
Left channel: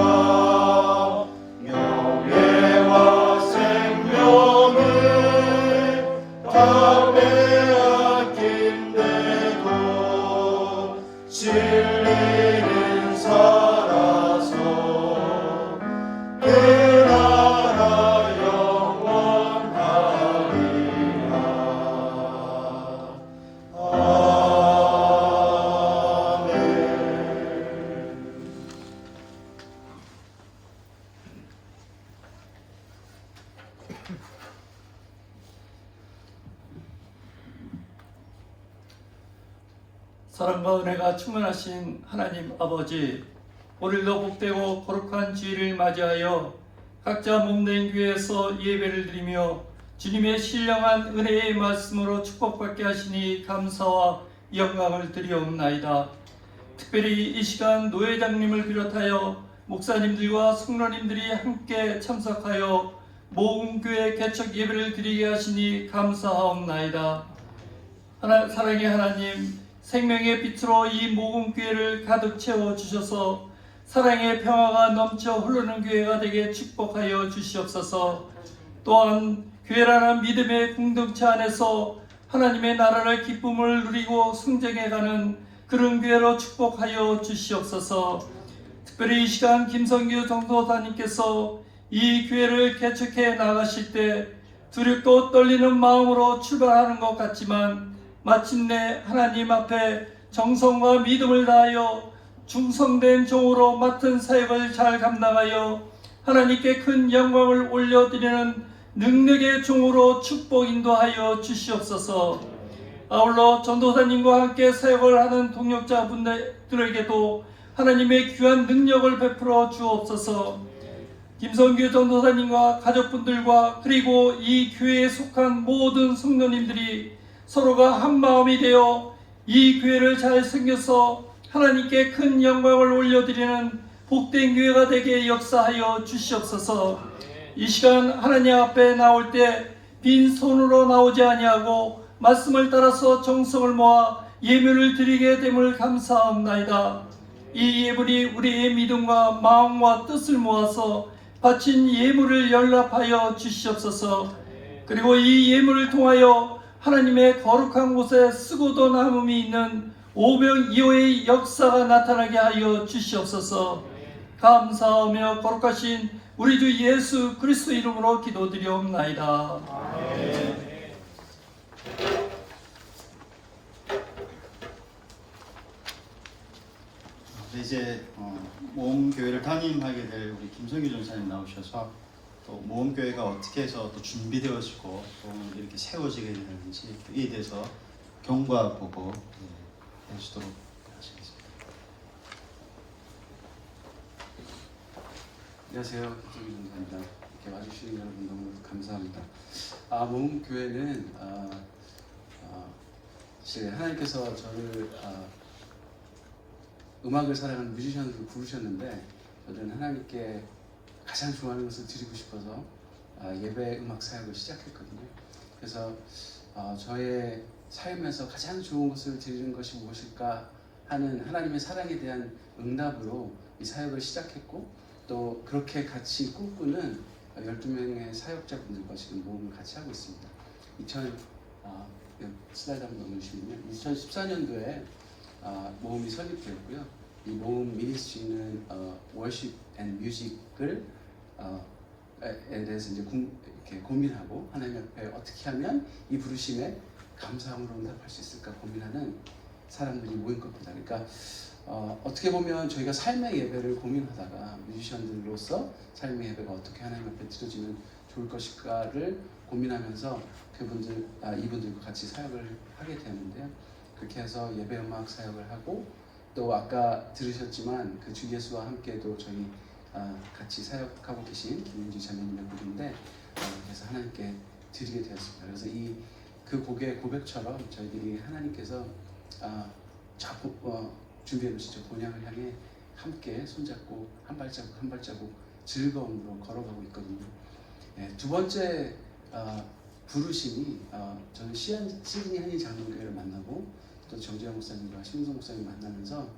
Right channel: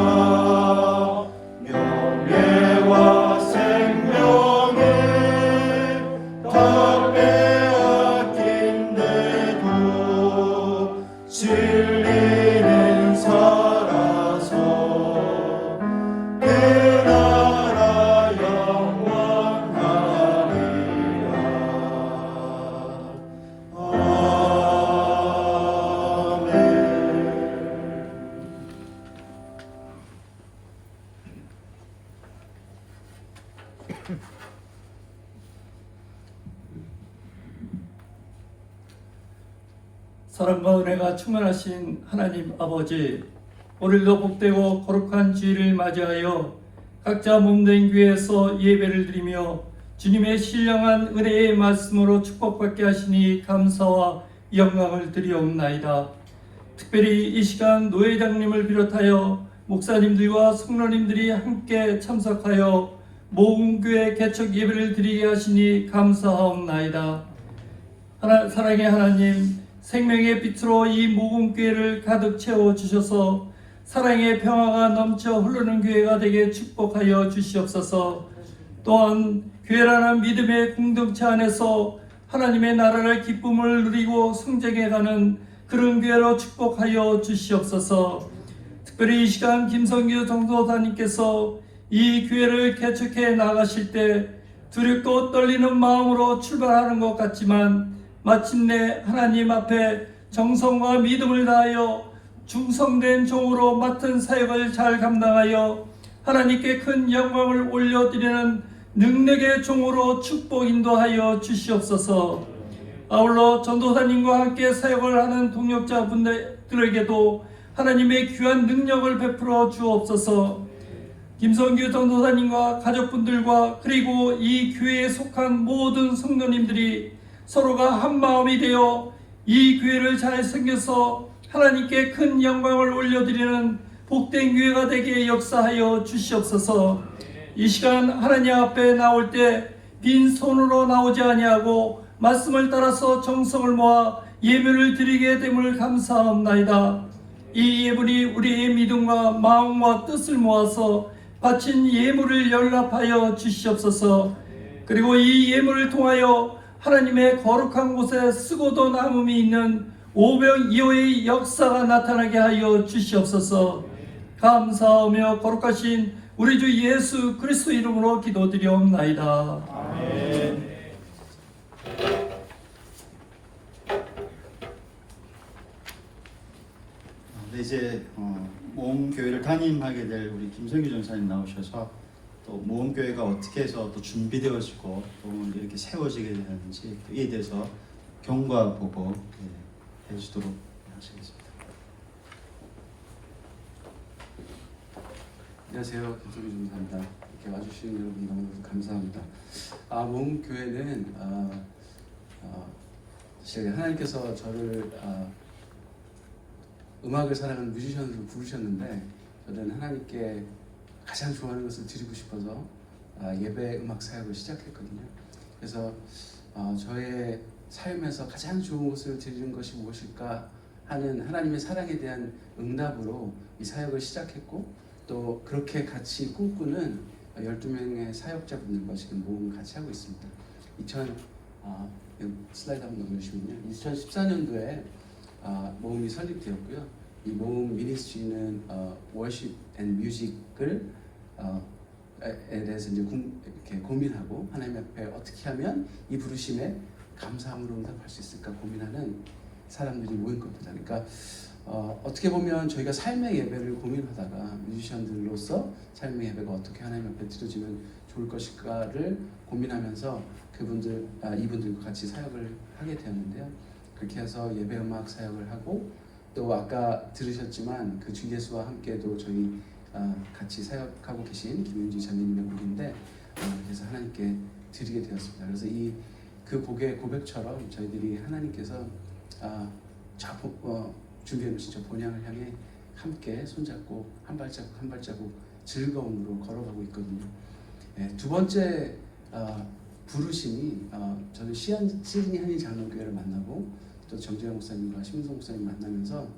명예와 생명을 다 빼앗긴데도 진리는 살아서 그 나라 영원하리라. 아멘. 사랑과 은혜가 충만하신 하나님 아버지, 오늘도 복되고 거룩한 주일을 맞이하여 각자 몸된 교회에서 예배를 드리며 주님의 신령한 은혜의 말씀으로 축복받게 하시니 감사와 영광을 드리옵나이다. 특별히 이 시간 노회장님을 비롯하여 목사님들과 성로님들이 함께 참석하여 모금교회 개척 예배를 드리게 하시니 감사하옵나이다. 사랑의 하나님, 생명의 빛으로 이 모금교회를 가득 채워주셔서 사랑의 평화가 넘쳐 흐르는 교회가 되게 축복하여 주시옵소서. 또한 교회라는 믿음의 공동체 안에서 하나님의 나라를 기쁨을 누리고 성장해가는 그런 교회로 축복하여 주시옵소서. 특별히 이 시간 김성규 전도사님께서 이 교회를 개척해 나가실 때 두렵고 떨리는 마음으로 출발하는 것 같지만 마침내 하나님 앞에 정성과 믿음을 다하여 충성된 종으로 맡은 사역을 잘 감당하여 하나님께 큰 영광을 올려드리는 능력의 종으로 축복 인도하여 주시옵소서. 아울러 전도사님과 함께 사역을 하는 동역자분들에게도 하나님의 귀한 능력을 베풀어 주옵소서. 김성규 전도사님과 가족분들과 그리고 이 교회에 속한 모든 성도님들이 서로가 한 마음이 되어 이 교회를 잘 챙겨서 하나님께 큰 영광을 올려드리는 복된 교회가 되게 역사하여 주시옵소서. 이 시간 하나님 앞에 나올 때 빈손으로 나오지 아니하고 말씀을 따라서 정성을 모아 예배를 드리게 됨을 감사합나이다. 이 예물이 우리의 믿음과 마음과 뜻을 모아서 바친 예물을 연락하여 주시옵소서. 그리고 이 예물을 통하여 하나님의 거룩한 곳에 쓰고도 남음이 있는 오병이어의 역사가 나타나게 하여 주시옵소서. 감사하며 거룩하신 우리 주 예수 그리스도 이름으로 기도드리옵나이다. 이제 모험교회를 담임하게 될 우리 김성규 전사님 나오셔서 또 모험교회가 어떻게 해서 또 준비되어지고 또 오늘 이렇게 세워지게 되는지 이에 대해서 경과 보고 해주도록 하시겠습니다. 안녕하세요. 김성규 전사입니다. 이렇게 와주시는 여러분 너무 감사합니다. 모험교회는 하나님께서 저를 음악을 사랑하는 뮤지션으로 부르셨는데 저는 하나님께 가장 좋아하는 것을 드리고 싶어서 예배 음악 사역을 시작했거든요. 그래서 저의 삶에서 가장 좋은 것을 드리는 것이 무엇일까 하는 하나님의 사랑에 대한 응답으로 이 사역을 시작했고, 또 그렇게 같이 꿈꾸는 12명의 사역자분들과 지금 모험을 같이 하고 있습니다. 슬라이드 한번 넘겨주시면요. 2014년도에 모험이 설립되었고요. 이 모험 미니스트리는 워십 앤 뮤직을 에 대해서 이제 이렇게 고민하고 하나님 앞에 어떻게 하면 이 부르심에 감사함으로 응답할 수 있을까 고민하는 사람들이 모인 겁니다. 그러니까 어떻게 보면 저희가 삶의 예배를 고민하다가 뮤지션들로서 삶의 예배가 어떻게 하나님 앞에 드려지면 좋을 것일까를 고민하면서 이분들과 같이 사역을 하게 되었는데요. 그렇게 해서 예배 음악 사역을 하고, 또 아까 들으셨지만 그 주 예수와 함께도 저희 같이 사역하고 계신 김윤지 자매님의 곡인데 그래서 하나님께 드리게 되었습니다. 그래서 그 곡의 고백처럼 저희들이 하나님께서 준비해 주신 저 본향을 향해 함께 손잡고 한 발자국 한 발자국 즐거움으로 걸어가고 있거든요. 두 번째 부르심이 저는 시드니 한인 장로교회를 만나고 또 정재영 목사님과 심성 목사님 만나면서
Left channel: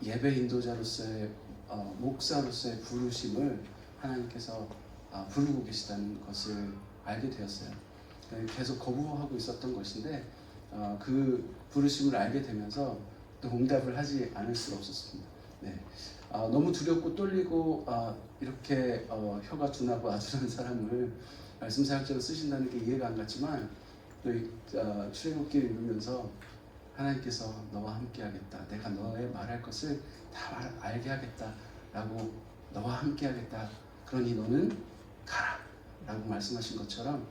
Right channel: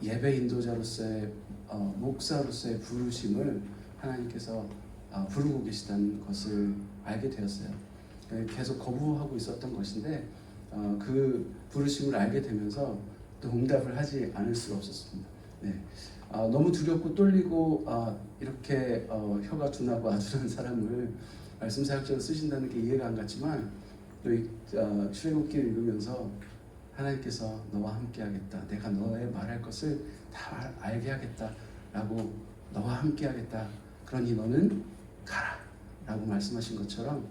예배 인도자로서의 목사로서의 부르심을 하나님께서 부르고 계시다는 것을 알게 되었어요. 계속 거부하고 있었던 것인데 그 부르심을 알게 되면서 또 응답을 하지 않을 수가 없었습니다. 너무 두렵고 떨리고 이렇게 혀가 둔하고 아주라는 사람을 말씀 사역자로 쓰신다는 게 이해가 안 갔지만 또 출애굽기를 읽으면서 하나님께서 너와 함께 하겠다, 내가 너의 말할 것을 다 알게 하겠다 라고, 너와 함께 하겠다, 그러니 너는 가라 라고 말씀하신 것처럼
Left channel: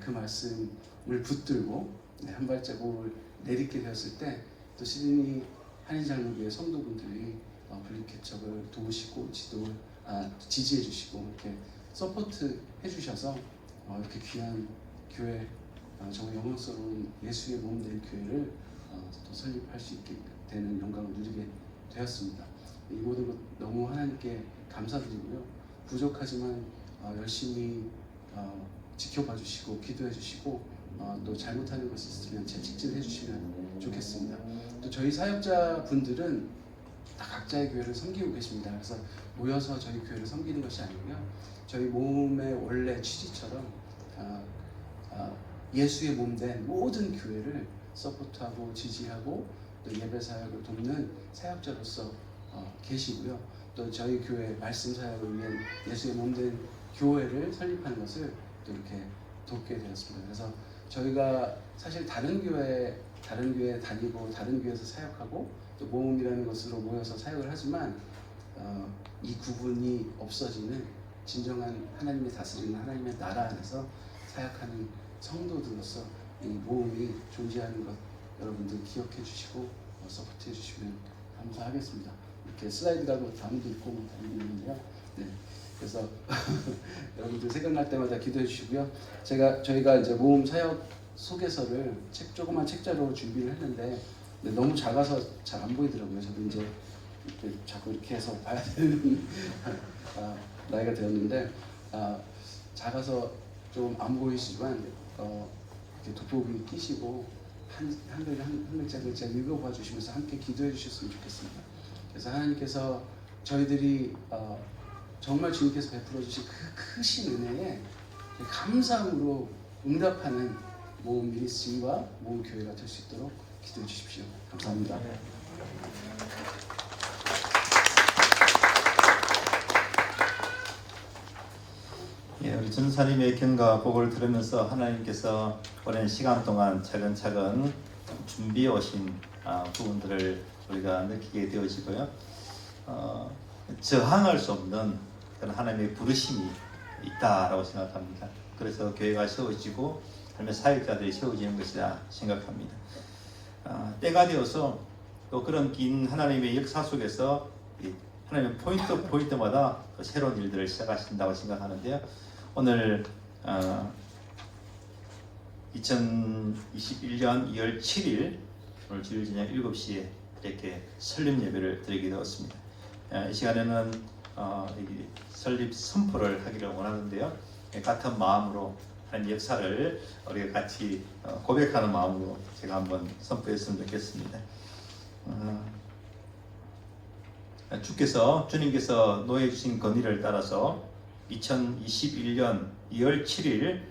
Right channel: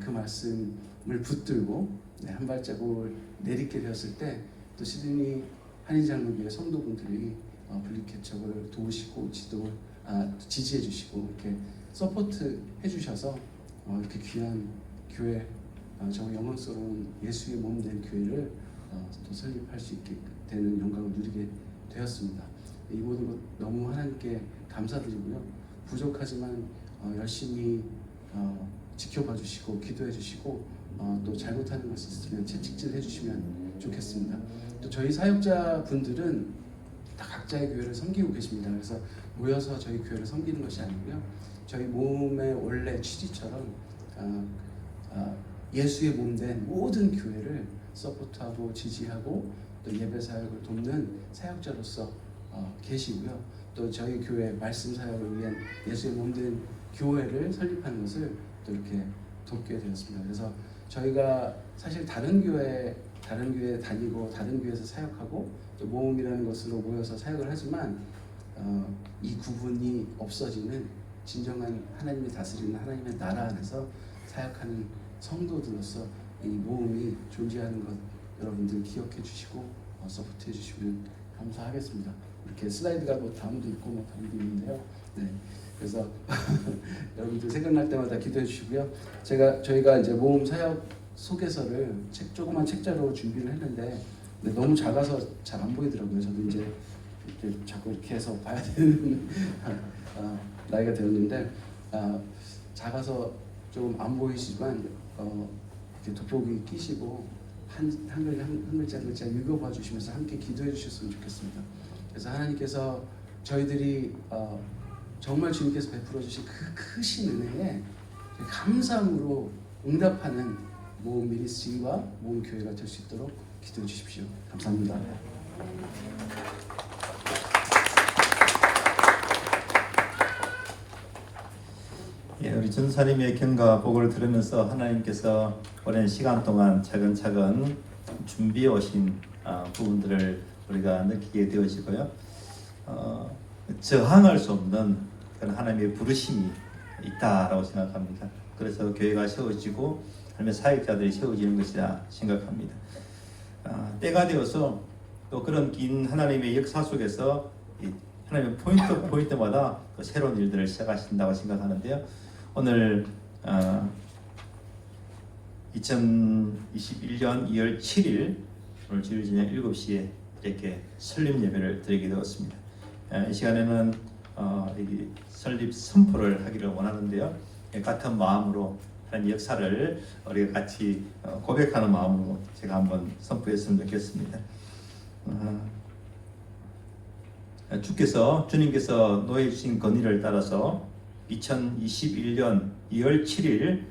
그 말씀을 붙들고 한 발자국을 내딛게 되었을 때 또 시드니 한인장로교회 성도분들이 분리개척을 도우시고 지지해 주시고 이렇게 서포트 해주셔서 이렇게 귀한 교회, 정말 영광스러운 예수의 몸 된 교회를 또 설립할 수 있게 되는 영광을 누리게 되었습니다. 이 모든 것 너무 하나님께 감사드리고요. 부족하지만 열심히 지켜봐 주시고 기도해 주시고 또 잘못하는 것이 있으면 채찍질해 주시면 좋겠습니다. 또 저희 사역자분들은 다 각자의 교회를 섬기고 계십니다. 그래서 모여서 저희 교회를 섬기는 것이 아니고요. 저희 모험의 원래 취지처럼 예수의 몸 된 모든 교회를 서포트하고 지지하고 또 예배 사역을 돕는 사역자로서 계시고요. 또 저희 교회 말씀 사역을 위한 예수의 몸 된 교회를 설립하는 것을 또 이렇게 돕게 되었습니다. 그래서 저희가 사실 다른 교회 다니고 다른 교회에서 사역하고 또 모험이라는 것으로 모여서 사역을 하지만 이 구분이 없어지는 진정한 하나님이 다스리는 하나님의 나라 안에서 사역하는 성도들로서 이 모험이 존재하는 것 여러분들 기억해 주시고 서포트해 주시면 감사하겠습니다. 이렇게 슬라이드가 뭐 다음도 있고 뭐 다음도 있는데요. 네. 그래서 여러분들 생각날 때마다 기도해 주시고요. 저희가 이제 모험 사역 소개서를 조그만 책자로 준비를 했는데 너무 작아서 잘 안 보이더라고요. 저도 이제 이렇게 자꾸 이렇게 해서 봐야 되는 나이가 되었는데 작아서 좀 안 보이시지만 이렇게 도표를 끼시고 한 글자 읽어봐 주시면서 함께 기도해 주셨으면 좋겠습니다. 그래서 하나님께서 저희들이 정말 주님께서 베풀어 주신 그 크신 은혜에 감사함으로 응답하는 모험 미니스트리와 모험 교회가 될 수 있도록 기도해 주십시오. 감사합니다. 예, 우리 전사님의 경과 복을 들으면서 하나님께서 오랜 시간 동안 차근차근 준비해 오신 부분들을 우리가 느끼게 되어지고요. 저항할 수 없는 그런 하나님의 부르심이 있다라고 생각합니다. 그래서 교회가 세워지고 하나님의 사역자들이 세워지는 것이라 생각합니다. 때가 되어서 또 그런 긴 하나님의 역사 속에서 하나님의 포인트마다 새로운 일들을 시작하신다고 생각하는데요. 오늘 2021년 2월 7일 오늘 주일 저녁 7시에 이렇게 설립 예배를 드리게 되었습니다. 이 시간에는 설립 선포를 하기를 원하는데요. 같은 마음으로 하나님 역사를 우리가 같이 고백하는 마음으로 제가 한번 선포했으면 좋겠습니다. 주님께서 노해 주신 건의를 따라서 2021년 2월 7일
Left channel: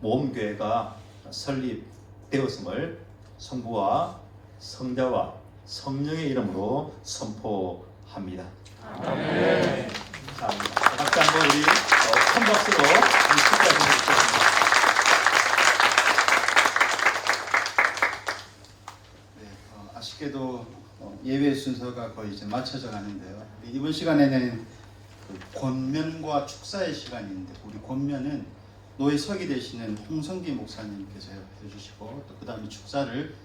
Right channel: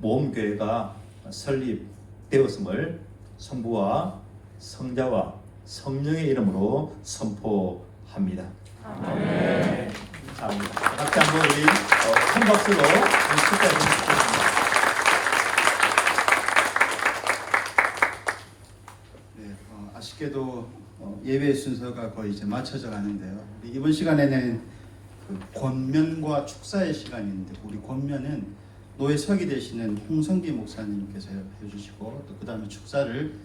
모험교회가 설립되었음을 성부와 성자와 성령의 이름으로 선포합니다. 아멘. 감사합니다. 각자 우리 큰 박수로 축하드립니다. 네, 아쉽게도 예배 순서가 거의 이제 맞춰져 가는데요. 이번 시간에는 그 권면과 축사의 시간인데 우리 권면은 노예 서기 되시는 홍성기 목사님께서 해주시고 또 그 다음에 축사를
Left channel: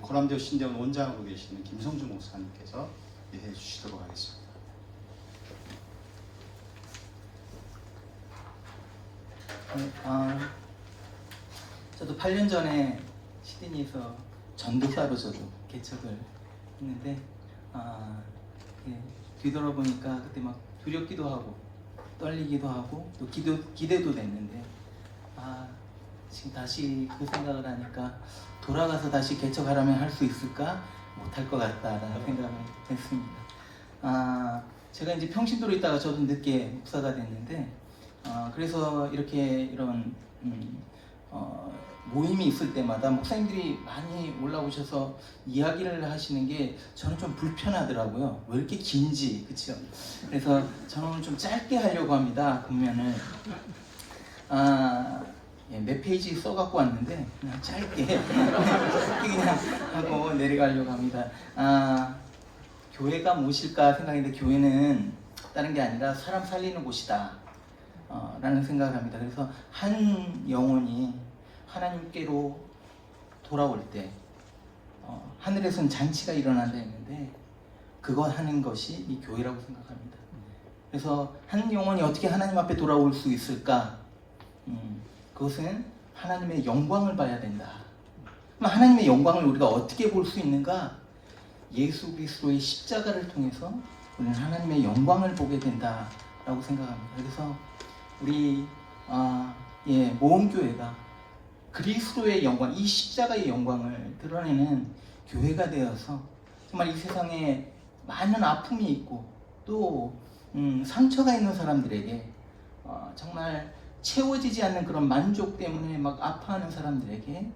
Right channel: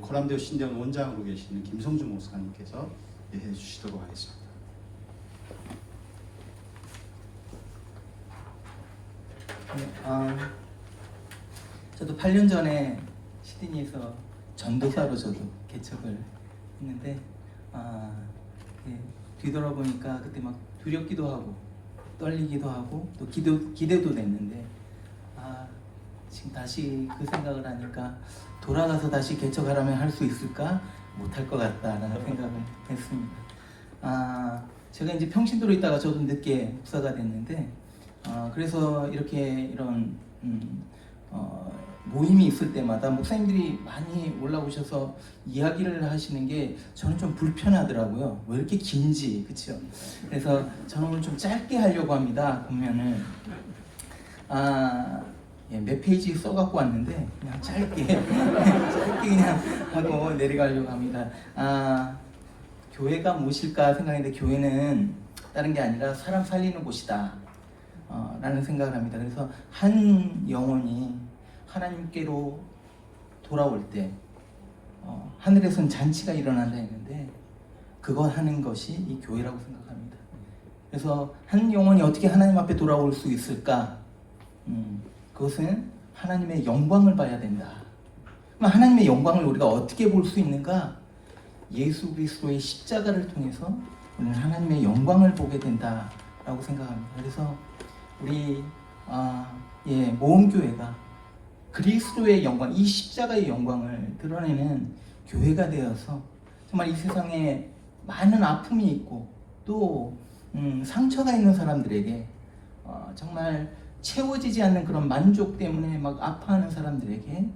코람데오 신대원 원장하고 계시는 김성준 목사님께서 해주시도록 하겠습니다. 저도 8년 전에 시드니에서 전도사로 저도 개척을 했는데 뒤돌아보니까 그때 막 두렵기도 하고 떨리기도 하고 또 기대도 됐는데 지금 다시 그 생각을 하니까 돌아가서 다시 개척하라면 할 수 있을까? 못할 것 같다라는 생각을 했습니다. 제가 이제 평신도로 있다가 저도 늦게 목사가 됐는데 그래서 이런 모임이 있을 때마다 목사님들이 많이 올라오셔서 이야기를 하시는 게 저는 좀 불편하더라고요. 왜 이렇게 긴지, 그렇죠? 그래서 저는 좀 짧게 하려고 합니다. 보면은 몇 페이지 써갖고 왔는데 그냥 짧게 그냥 하고 내려가려고 합니다. 교회가 무엇일까 생각했는데 교회는 다른 게 아니라 사람 살리는 곳이다 라는 생각을 합니다. 그래서 한 영혼이 하나님께로 돌아올 때 하늘에서는 잔치가 일어난다 했는데 그거 하는 것이 이 교회라고 생각합니다. 그래서 한 영혼이 어떻게 하나님 앞에 돌아올 수 있을까? 그것은 하나님의 영광을 봐야 된다. 그럼 하나님의 영광을 우리가 어떻게 볼 수 있는가? 예수 그리스도의 십자가를 통해서 우리는 하나님의 영광을 보게 된다라고 생각합니다. 그래서 우리 모험교회가 그리스도의 영광, 이 십자가의 영광을 드러내는 교회가 되어서 정말 이 세상에 많은 아픔이 있고 또 상처가 있는 사람들에게 정말 채워지지 않는 그런 만족 때문에 막 아파하는 사람들에게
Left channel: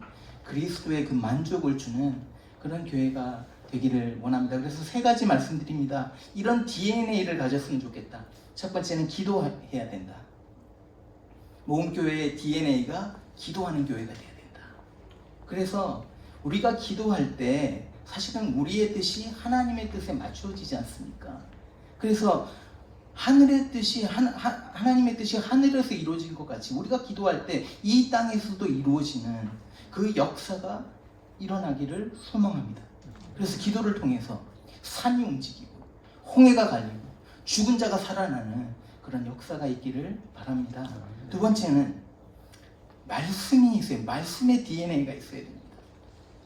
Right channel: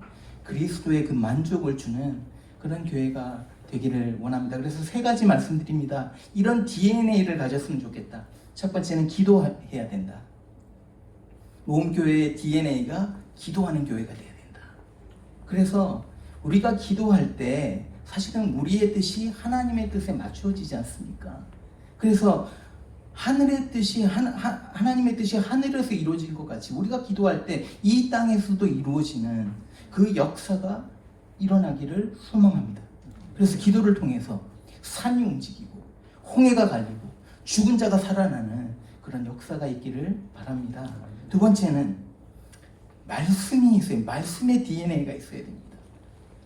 그리스도의 그 만족을 주는 그런 교회가 되기를 원합니다. 그래서 3가지 말씀드립니다. 이런 DNA를 가졌으면 좋겠다. 첫 번째는 기도해야 된다. 모험교회의 DNA가 기도하는 교회가 돼야 된다. 그래서 우리가 기도할 때 사실은 우리의 뜻이 하나님의 뜻에 맞추어지지 않습니까? 그래서 하늘의 뜻이 하나님의 뜻이 하늘에서 이루어질 것 같이 우리가 기도할 때 이 땅에서도 이루어지는 그 역사가 일어나기를 소망합니다. 그래서 기도를 통해서 산이 움직이고 홍해가 갈리고 죽은 자가 살아나는 그런 역사가 있기를 바랍니다. 두 번째는 말씀이 있어요. 말씀의 DNA가 있어야 됩니다.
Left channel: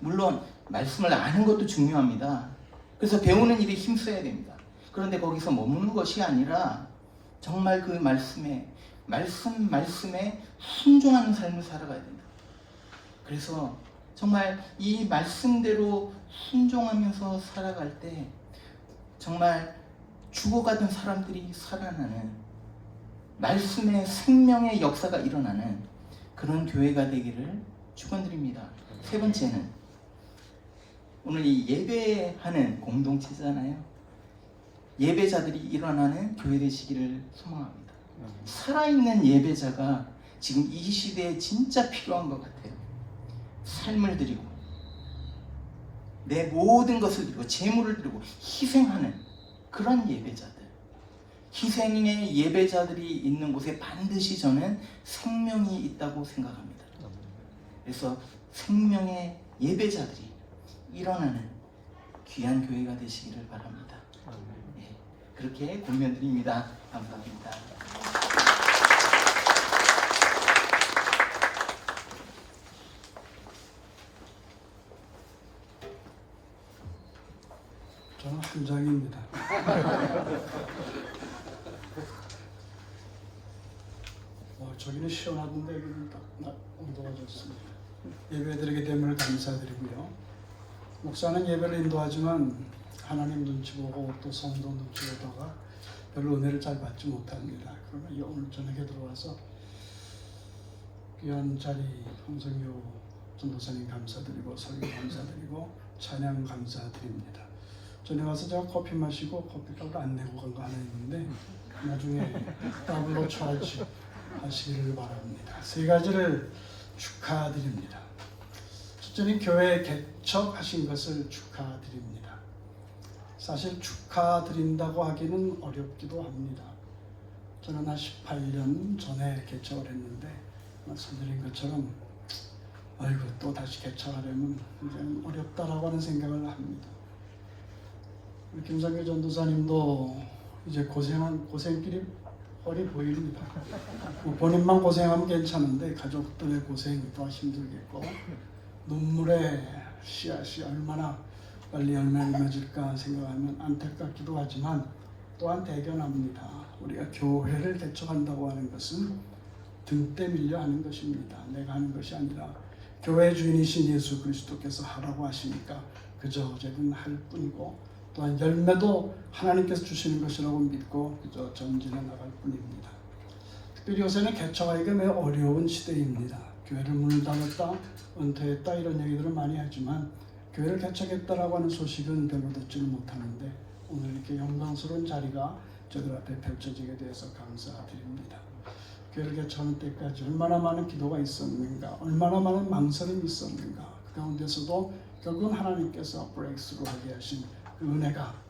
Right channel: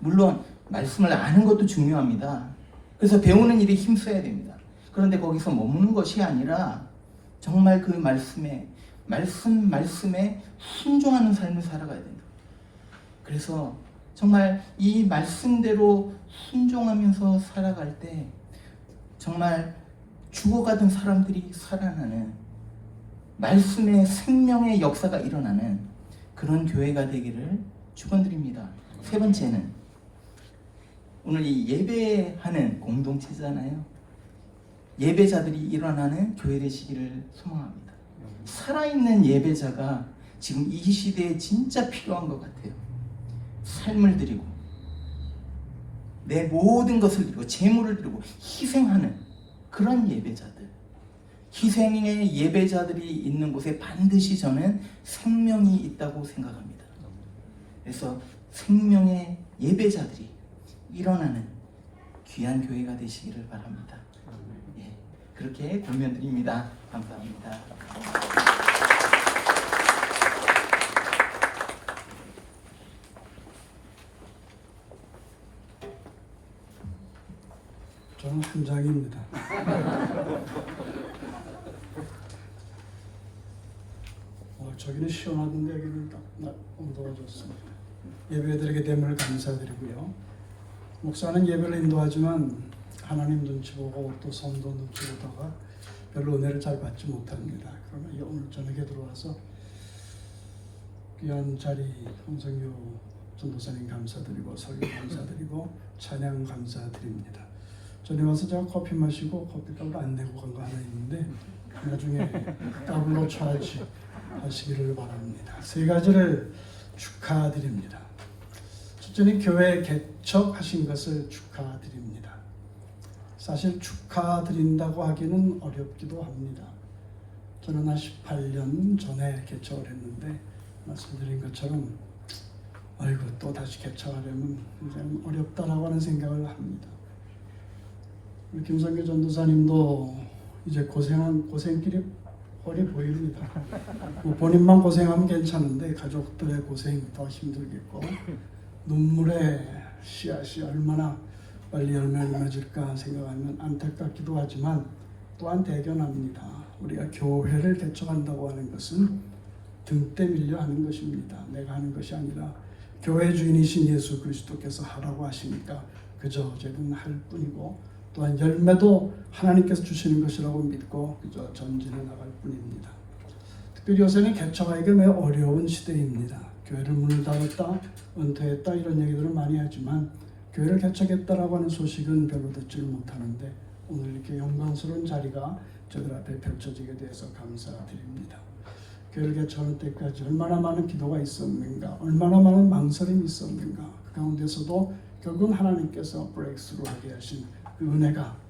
물론 말씀을 아는 것도 중요합니다. 그래서 배우는 일에 힘써야 됩니다. 그런데 거기서 머무는 것이 아니라 정말 그 말씀에 순종하는 삶을 살아가야 됩니다. 그래서 정말 이 말씀대로 순종하면서 살아갈 때 정말 죽어가던 사람들이 살아나는 말씀의 생명의 역사가 일어나는 그런 교회가 되기를 축원드립니다. 세 번째는 오늘 이 예배하는 공동체잖아요. 예배자들이 일어나는 교회 되시기를 소망합니다. 살아있는 예배자가 지금 이 시대에 진짜 필요한 것 같아요. 삶을 드리고 내 모든 것을 드리고 재물을 드리고 희생하는 그런 예배자들, 희생의 예배자들이 있는 곳에 반드시 저는 생명이 있다고 생각합니다. 그래서 생명의 예배자들이 일어나는 귀한 교회가 되시기를 바랍니다. 예, 그렇게 권면드립니다. 감사합니다. 저는 한 장입니다. 저기는 시원하던데 여기는 온도가 좋습니다. 예배드리게 됨을 감사드리고요. 목사는 예배를 인도하지만 하나님 눈치 보고 또 성도 눈치 보다가 별로 은혜를 잘 받지 못합니다. 그러나 오늘 저녁에 들어와서 귀한 자리 홍성효 전도사님 감사드리고 설교 감사드리고 찬양 감사드립니다. 전에 와서 제가 커피 마시고 커피값을 안 내고 간 거 하나 있는데 나중에 더블로 차지 하시기를 바랍니다. 세 가지를 축하드립니다. 첫째는 교회 개척하신 것을 축하드립니다. 사실 축하드린다고 하기는 어렵기도 합니다. 저는 한 18년 전에 개척을 했는데 말씀드린 것처럼 아이고 또 다시 개척하려면 굉장히 어렵다라고 하는 생각을 합니다. 김상규 전도사님도 이제 고생길이 뻔히 보입니다. 본인만 고생하면 괜찮은데 가족들의 고생이 더 힘들겠고 눈물의 씨앗이 얼마나 빨리 열매를 맺을까 생각하면 안타깝기도 하지만 또한 대견합니다. 우리가 교회를 개척한다고 하는 것은 등대 밀려 하는 것입니다. 내가 하는 것이 아니라 교회 주인이신 예수 그리스도께서 하라고 하시니까 그저 어제는 할 뿐이고 또한 열매도 하나님께서 주시는 것이라고 믿고 그저 전진해 나갈 뿐입니다. 특별히 요새는 개척하기가 매우 어려운 시대입니다. 교회를 문을 닫았다, 은퇴했다 이런 얘기들을 많이 하지만 교회를 개척했다라고 하는 소식은 별로 듣지를 못하는데 오늘 이렇게 영광스러운 자리가 저들 앞에 펼쳐지게 돼서 감사드립니다. 교회를 개척하는 때까지 얼마나 많은 기도가 있었는가, 얼마나 많은 망설임이 있었는가, 그 가운데서도 결국은 하나님께서 브레이크스루 하게 하신 그 은혜가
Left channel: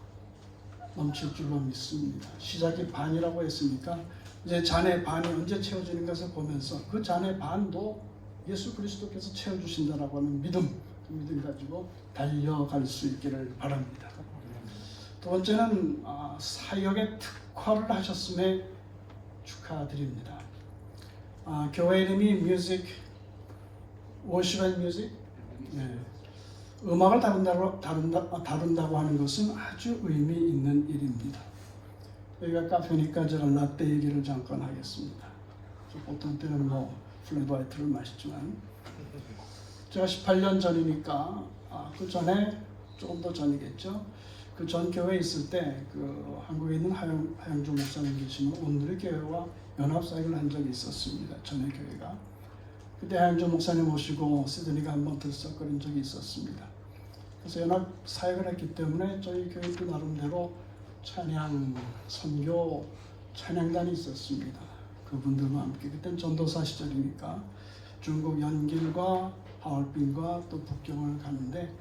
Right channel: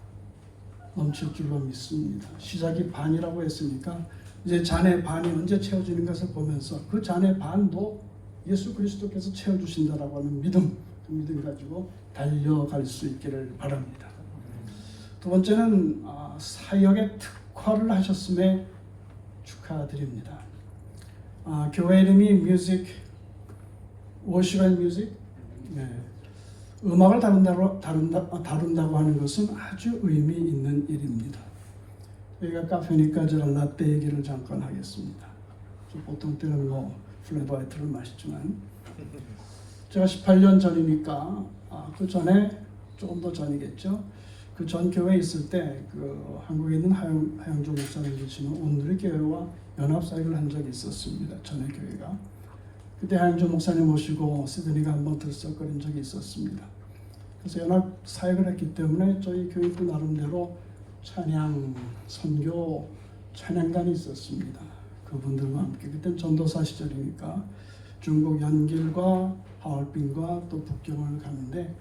넘칠 줄로 믿습니다. 시작이 반이라고 했으니까 이제 잔의 반이 언제 채워지는 것을 보면서 그 잔의 반도 예수 그리스도께서 채워주신다라고 하는 믿음, 그 믿음 가지고 달려갈 수 있기를 바랍니다. 두 번째는 사역의 특화를 하셨음에 축하드립니다. 교회 이름이 뮤직, 워십 앤 뮤직, 음악을 다룬다고 하는 것은 아주 의미 있는 일입니다. 여기가 카페니까 저는 라떼 얘기를 잠깐 하겠습니다. 보통 때는 플랫 화이트를 마시지만 제가 18년 전이니까 그 전에 조금 더 전이겠죠. 그 전 교회에 있을 때 그 한국에 있는 하영조 목사님 계시는 오늘의 교회와 연합사역을 한 적이 있었습니다. 전에 교회가. 그때 하영조 목사님 모시고 시드니가 한번 들썩거린 적이 있었습니다. 그래서 연합사역을 했기 때문에 저희 교회도 나름대로 찬양, 선교, 찬양단이 있었습니다. 그분들과 함께 그때 전도사 시절이니까 중국 연길과 하얼빈과 또 북경을 가는데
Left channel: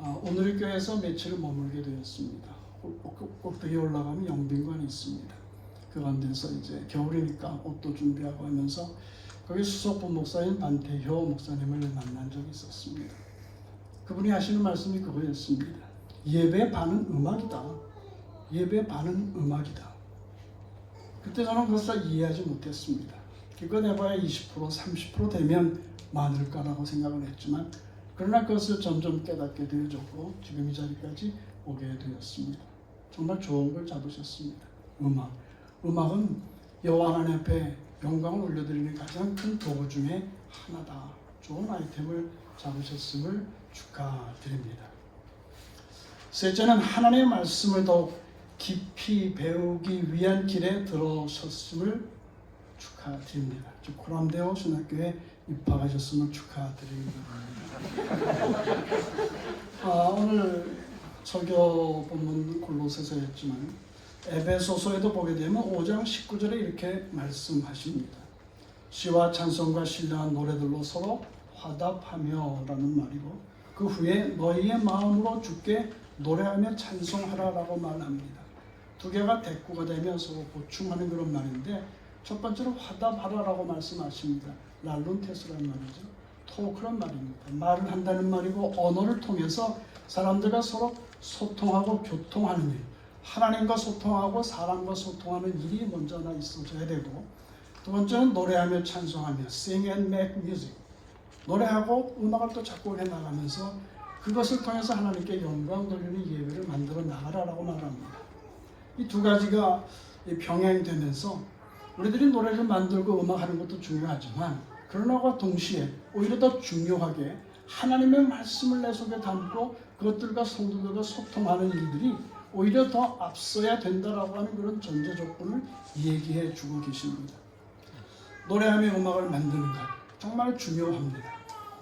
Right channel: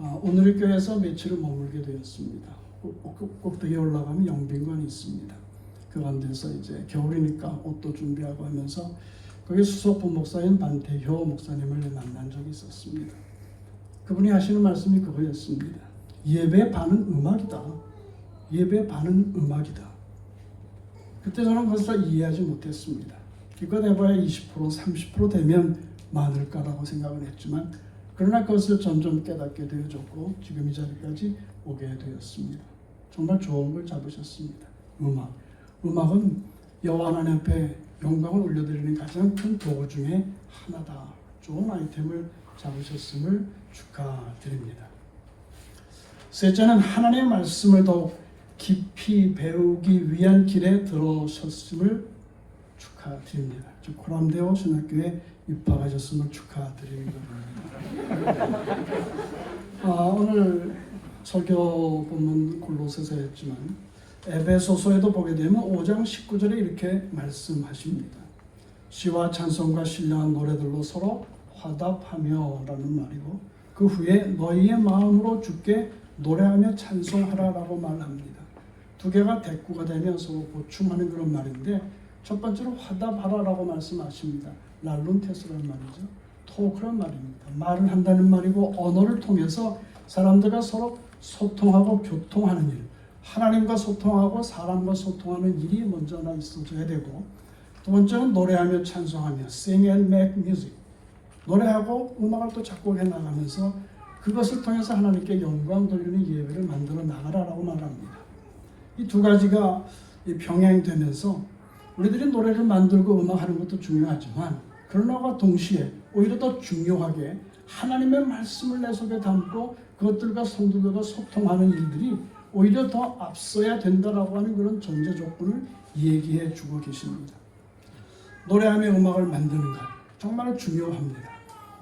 오늘의 교회에서 며칠을 머물게 되었습니다. 꼭대기에 올라가면 영빈관이 있습니다. 그 가운데서 이제 겨울이니까 옷도 준비하고 하면서 거기 수석부 목사인 반태효 목사님을 만난 적이 있었습니다. 그분이 하시는 말씀이 그거였습니다. 예배 반은 음악이다. 예배 반은 음악이다. 그때 저는 그것을 이해하지 못했습니다. 기껏 해봐야 20% 30% 되면 많을까라고 생각을 했지만 그러나 그것을 점점 깨닫게 되어졌고 지금 이 자리까지 오게 되었습니다. 정말 좋은 걸 잡으셨습니다. 음악은 여호와 하나님 앞에 영광을 올려드리는 가장 큰 도구 중에 하나다. 좋은 아이템을 잡으셨음을 축하드립니다. 셋째는 하나님의 말씀을 더욱 깊이 배우기 위한 길에 들어섰음을 축하드립니다. 코람데오 신학교에 입학하셨음을 축하드립니다. 오늘 설교 본문 골로새서였지만 에베소서에도 보게 되면 5장 19절에 이렇게 말씀하십니다. 시와 찬송과 신령한 노래들로 서로 화답하며 라는 말이고 그 후에 너희의 마음으로 주께 노래하며 찬송하라라고 말합니다. 두 개가 대꾸가 되면 서로 보충하는 그런 말인데 첫 번째로 화답하라라고 말씀하십니다. 랄룬테스라는 말이죠. 토크란 말입니다. 말을 한다는 말이고 언어를 통해서 사람들과 서로 소통하고 교통하는 일, 하나님과 소통하고 사람과 소통하는 일이 먼저 하나 있어줘야 되고 두 번째는 노래하며 찬송하며 sing and make music, 노래하고 음악을 또 작곡해 나가면서 그것을 통해서 하나님께 영광 돌리는 예배를 만들어 나가라라고 말합니다. 이 두 가지가 병행되면서 우리들이 노래를 만들고 음악하는 것도 중요하지만 그러나와 동시에 오히려 더 중요하게 하나님의 말씀을 내 속에 담고 그것들과 성도들과 소통하는 일들이 오히려 더 앞서야 된다라고 하는 그런 전제 조건을 얘기해 주고 계십니다. 노래하며 음악을 만드는 것 정말 중요합니다.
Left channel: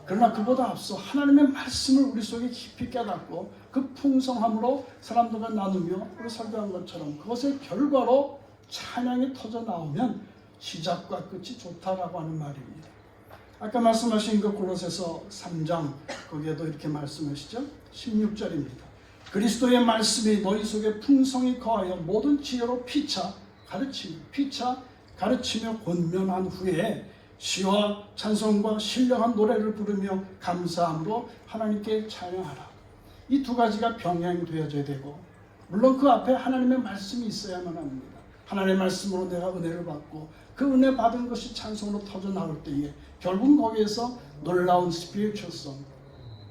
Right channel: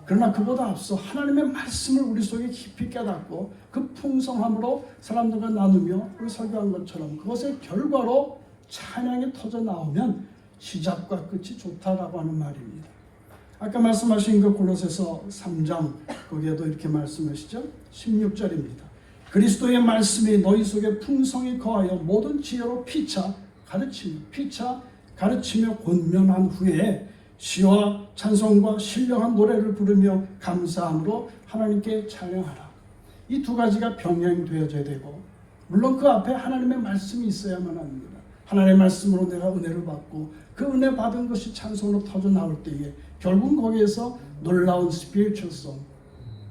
그러나 그보다 앞서 하나님의 말씀을 우리 속에 깊이 깨닫고 그 풍성함으로 사람들과 나누며 우리 설교한 것처럼 그것의 결과로 찬양이 터져 나오면 시작과 끝이 좋다라고 하는 말입니다. 아까 말씀하신 그 골로새서 3장 거기에도 이렇게 말씀하시죠. 16절입니다. 그리스도의 말씀이 너희 속에 풍성히 거하여 모든 지혜로 피차 가르치며 권면한 후에 시와 찬송과 신령한 노래를 부르며 감사함으로 하나님께 찬양하라. 이 두 가지가 병행되어져야 되고 물론 그 앞에 하나님의 말씀이 있어야만 합니다. 하나님의 말씀으로 내가 은혜를 받고 그 은혜 받은 것이 찬송으로 터져 나올 때에 결국 거기에서 놀라운 스피리추얼성,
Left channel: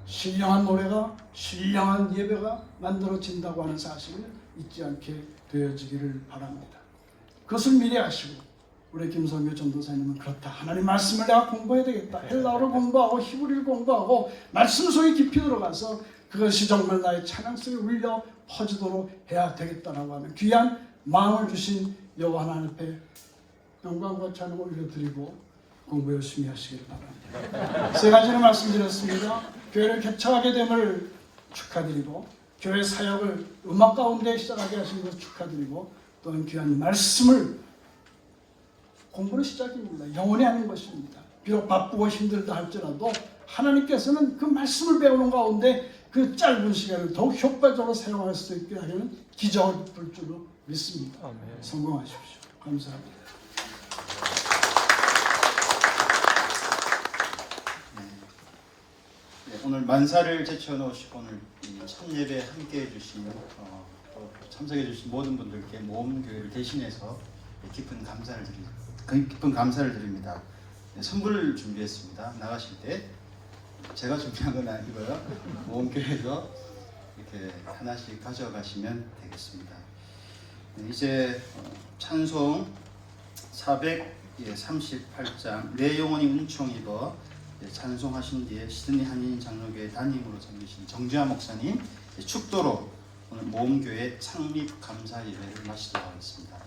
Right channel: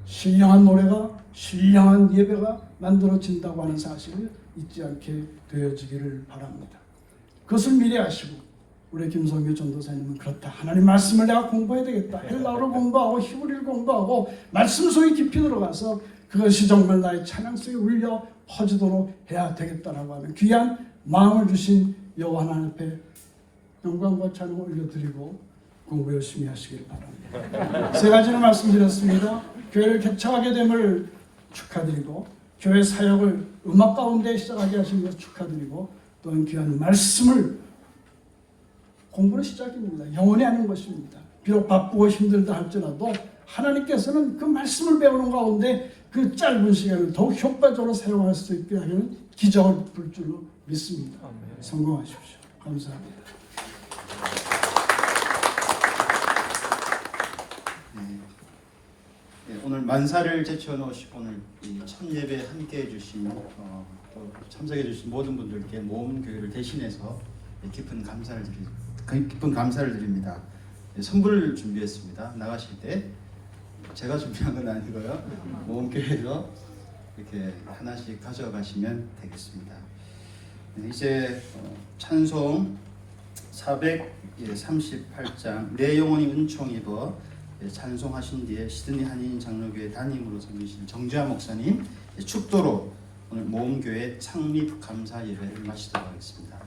신령한 노래가 신령한 예배가 만들어진다고 하는 사실을 잊지 않게 되어지기를 바랍니다. 그것을 미리 아시고 우리 김성규 전도사님은 그렇다. 하나님 말씀을 내가 공부해야 되겠다. 헬라어를 공부하고 히브리를 공부하고 말씀 속에 깊이 들어가서 그것이 정말 나의 찬양 속에 울려 퍼지도록 해야 되겠다라고 하는 귀한 마음을 주신 여호와 하나님 앞에 영광과 찬양을 올려드리고 공부 열심히 하시길 바랍니다. 세 가지를 말씀드렸습니다. 교회를 개척하게 됨을 축하드리고 교회 사역을 음악 가운데 시작하게 하신 것을 축하드리고 또한 귀한 말씀을 공부는 시작입니다. 영원히 하는 것입니다. 비록 바쁘고 힘들다 할지라도 하나님께서는 그 말씀을 배우는 가운데 그 짧은 시간을 더욱 효과적으로 사용할 수 있게 하려는 기적을 베풀 줄로 믿습니다. 성공하십시오. 감사합니다. 오늘 만사를 제쳐놓으시고 오늘 이 첫 예배 함께해 주신 또 참석해 주신 모든 분들께 모험교회를 대신해서 깊은 감사를 드립니다. 선물을 준비했습니다. 나가실 때 제가 준비한 건 아니고요. 모험교회에서 이렇게 하나씩 가져가시면 되겠습니다. 이제 찬송 438장 내 영혼이 은총입어 찬송하신 뒤에 시드니 한인 장로교회 담임으로 섬기신 정주하 목사님 축도로 오늘 모험교회 창립 감사 예배를 마치도록 하겠습니다.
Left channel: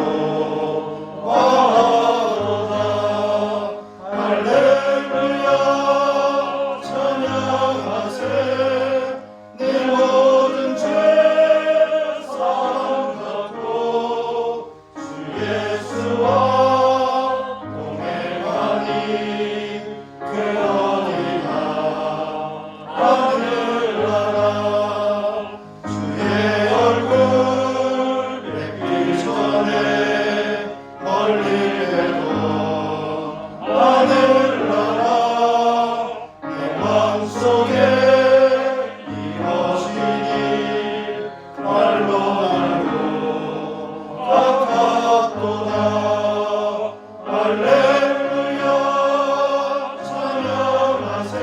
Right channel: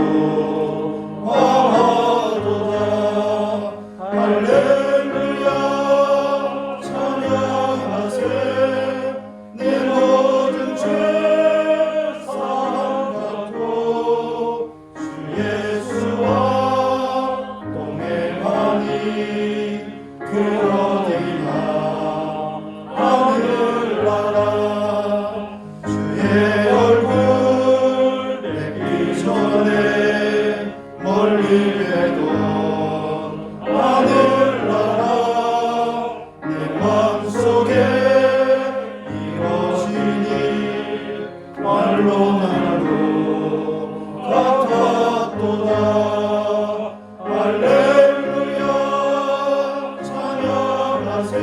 천국으로 와도다 말로 나누고 같았도다. 할렐루야 찬양하세.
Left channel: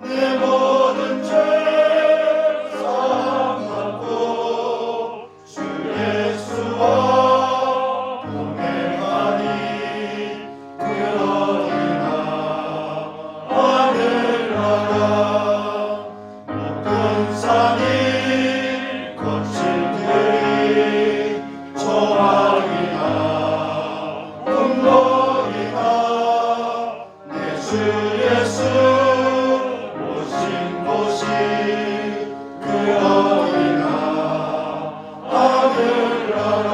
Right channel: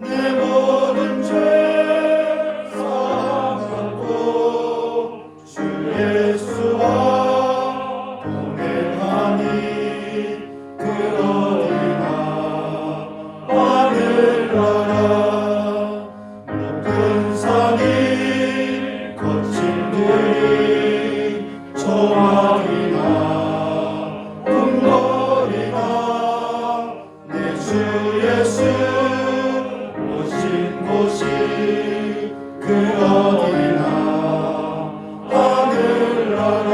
내 모든 죄 사함받고 주 예수와 동행하니 그 어디나 하늘나라. 모든 산이 거친 들이 조망이나 궁궐이나 내 주 예수 오신 곳이 그 어디나 하늘나라.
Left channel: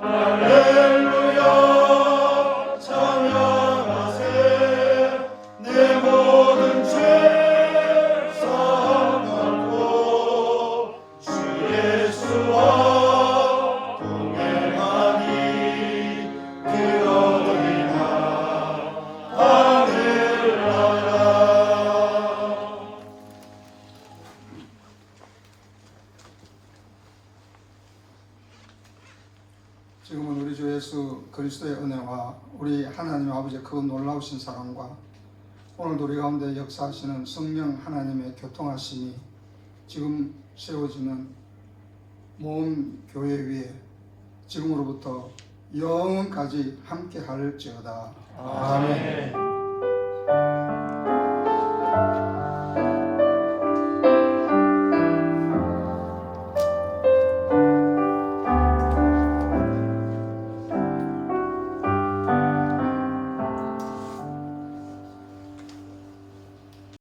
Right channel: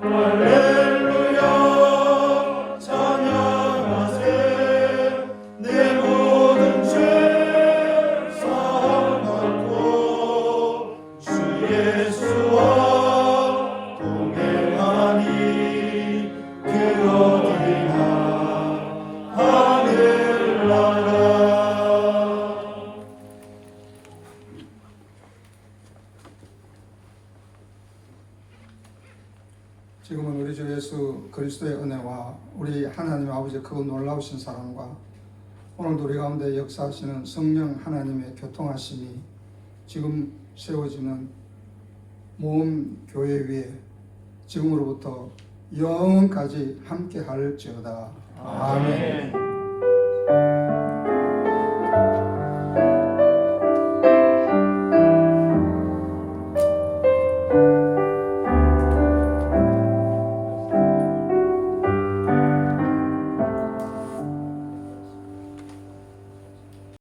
할렐루야 찬양하세. 내 모든 죄 사함받고 주 예수와 동행하니 그 어디나 하늘나라. 지금은 우리 주 예수 그리스도의 은혜와 우리 하나님 아버지의 그 놀라우신 사랑과 오늘도 우리 가운데 역사하시는 성령 하나님의 교통하심이 지금 세워지는 모든 교회 위에 지금으로부터 영원까지 함께 할지어다. 아멘.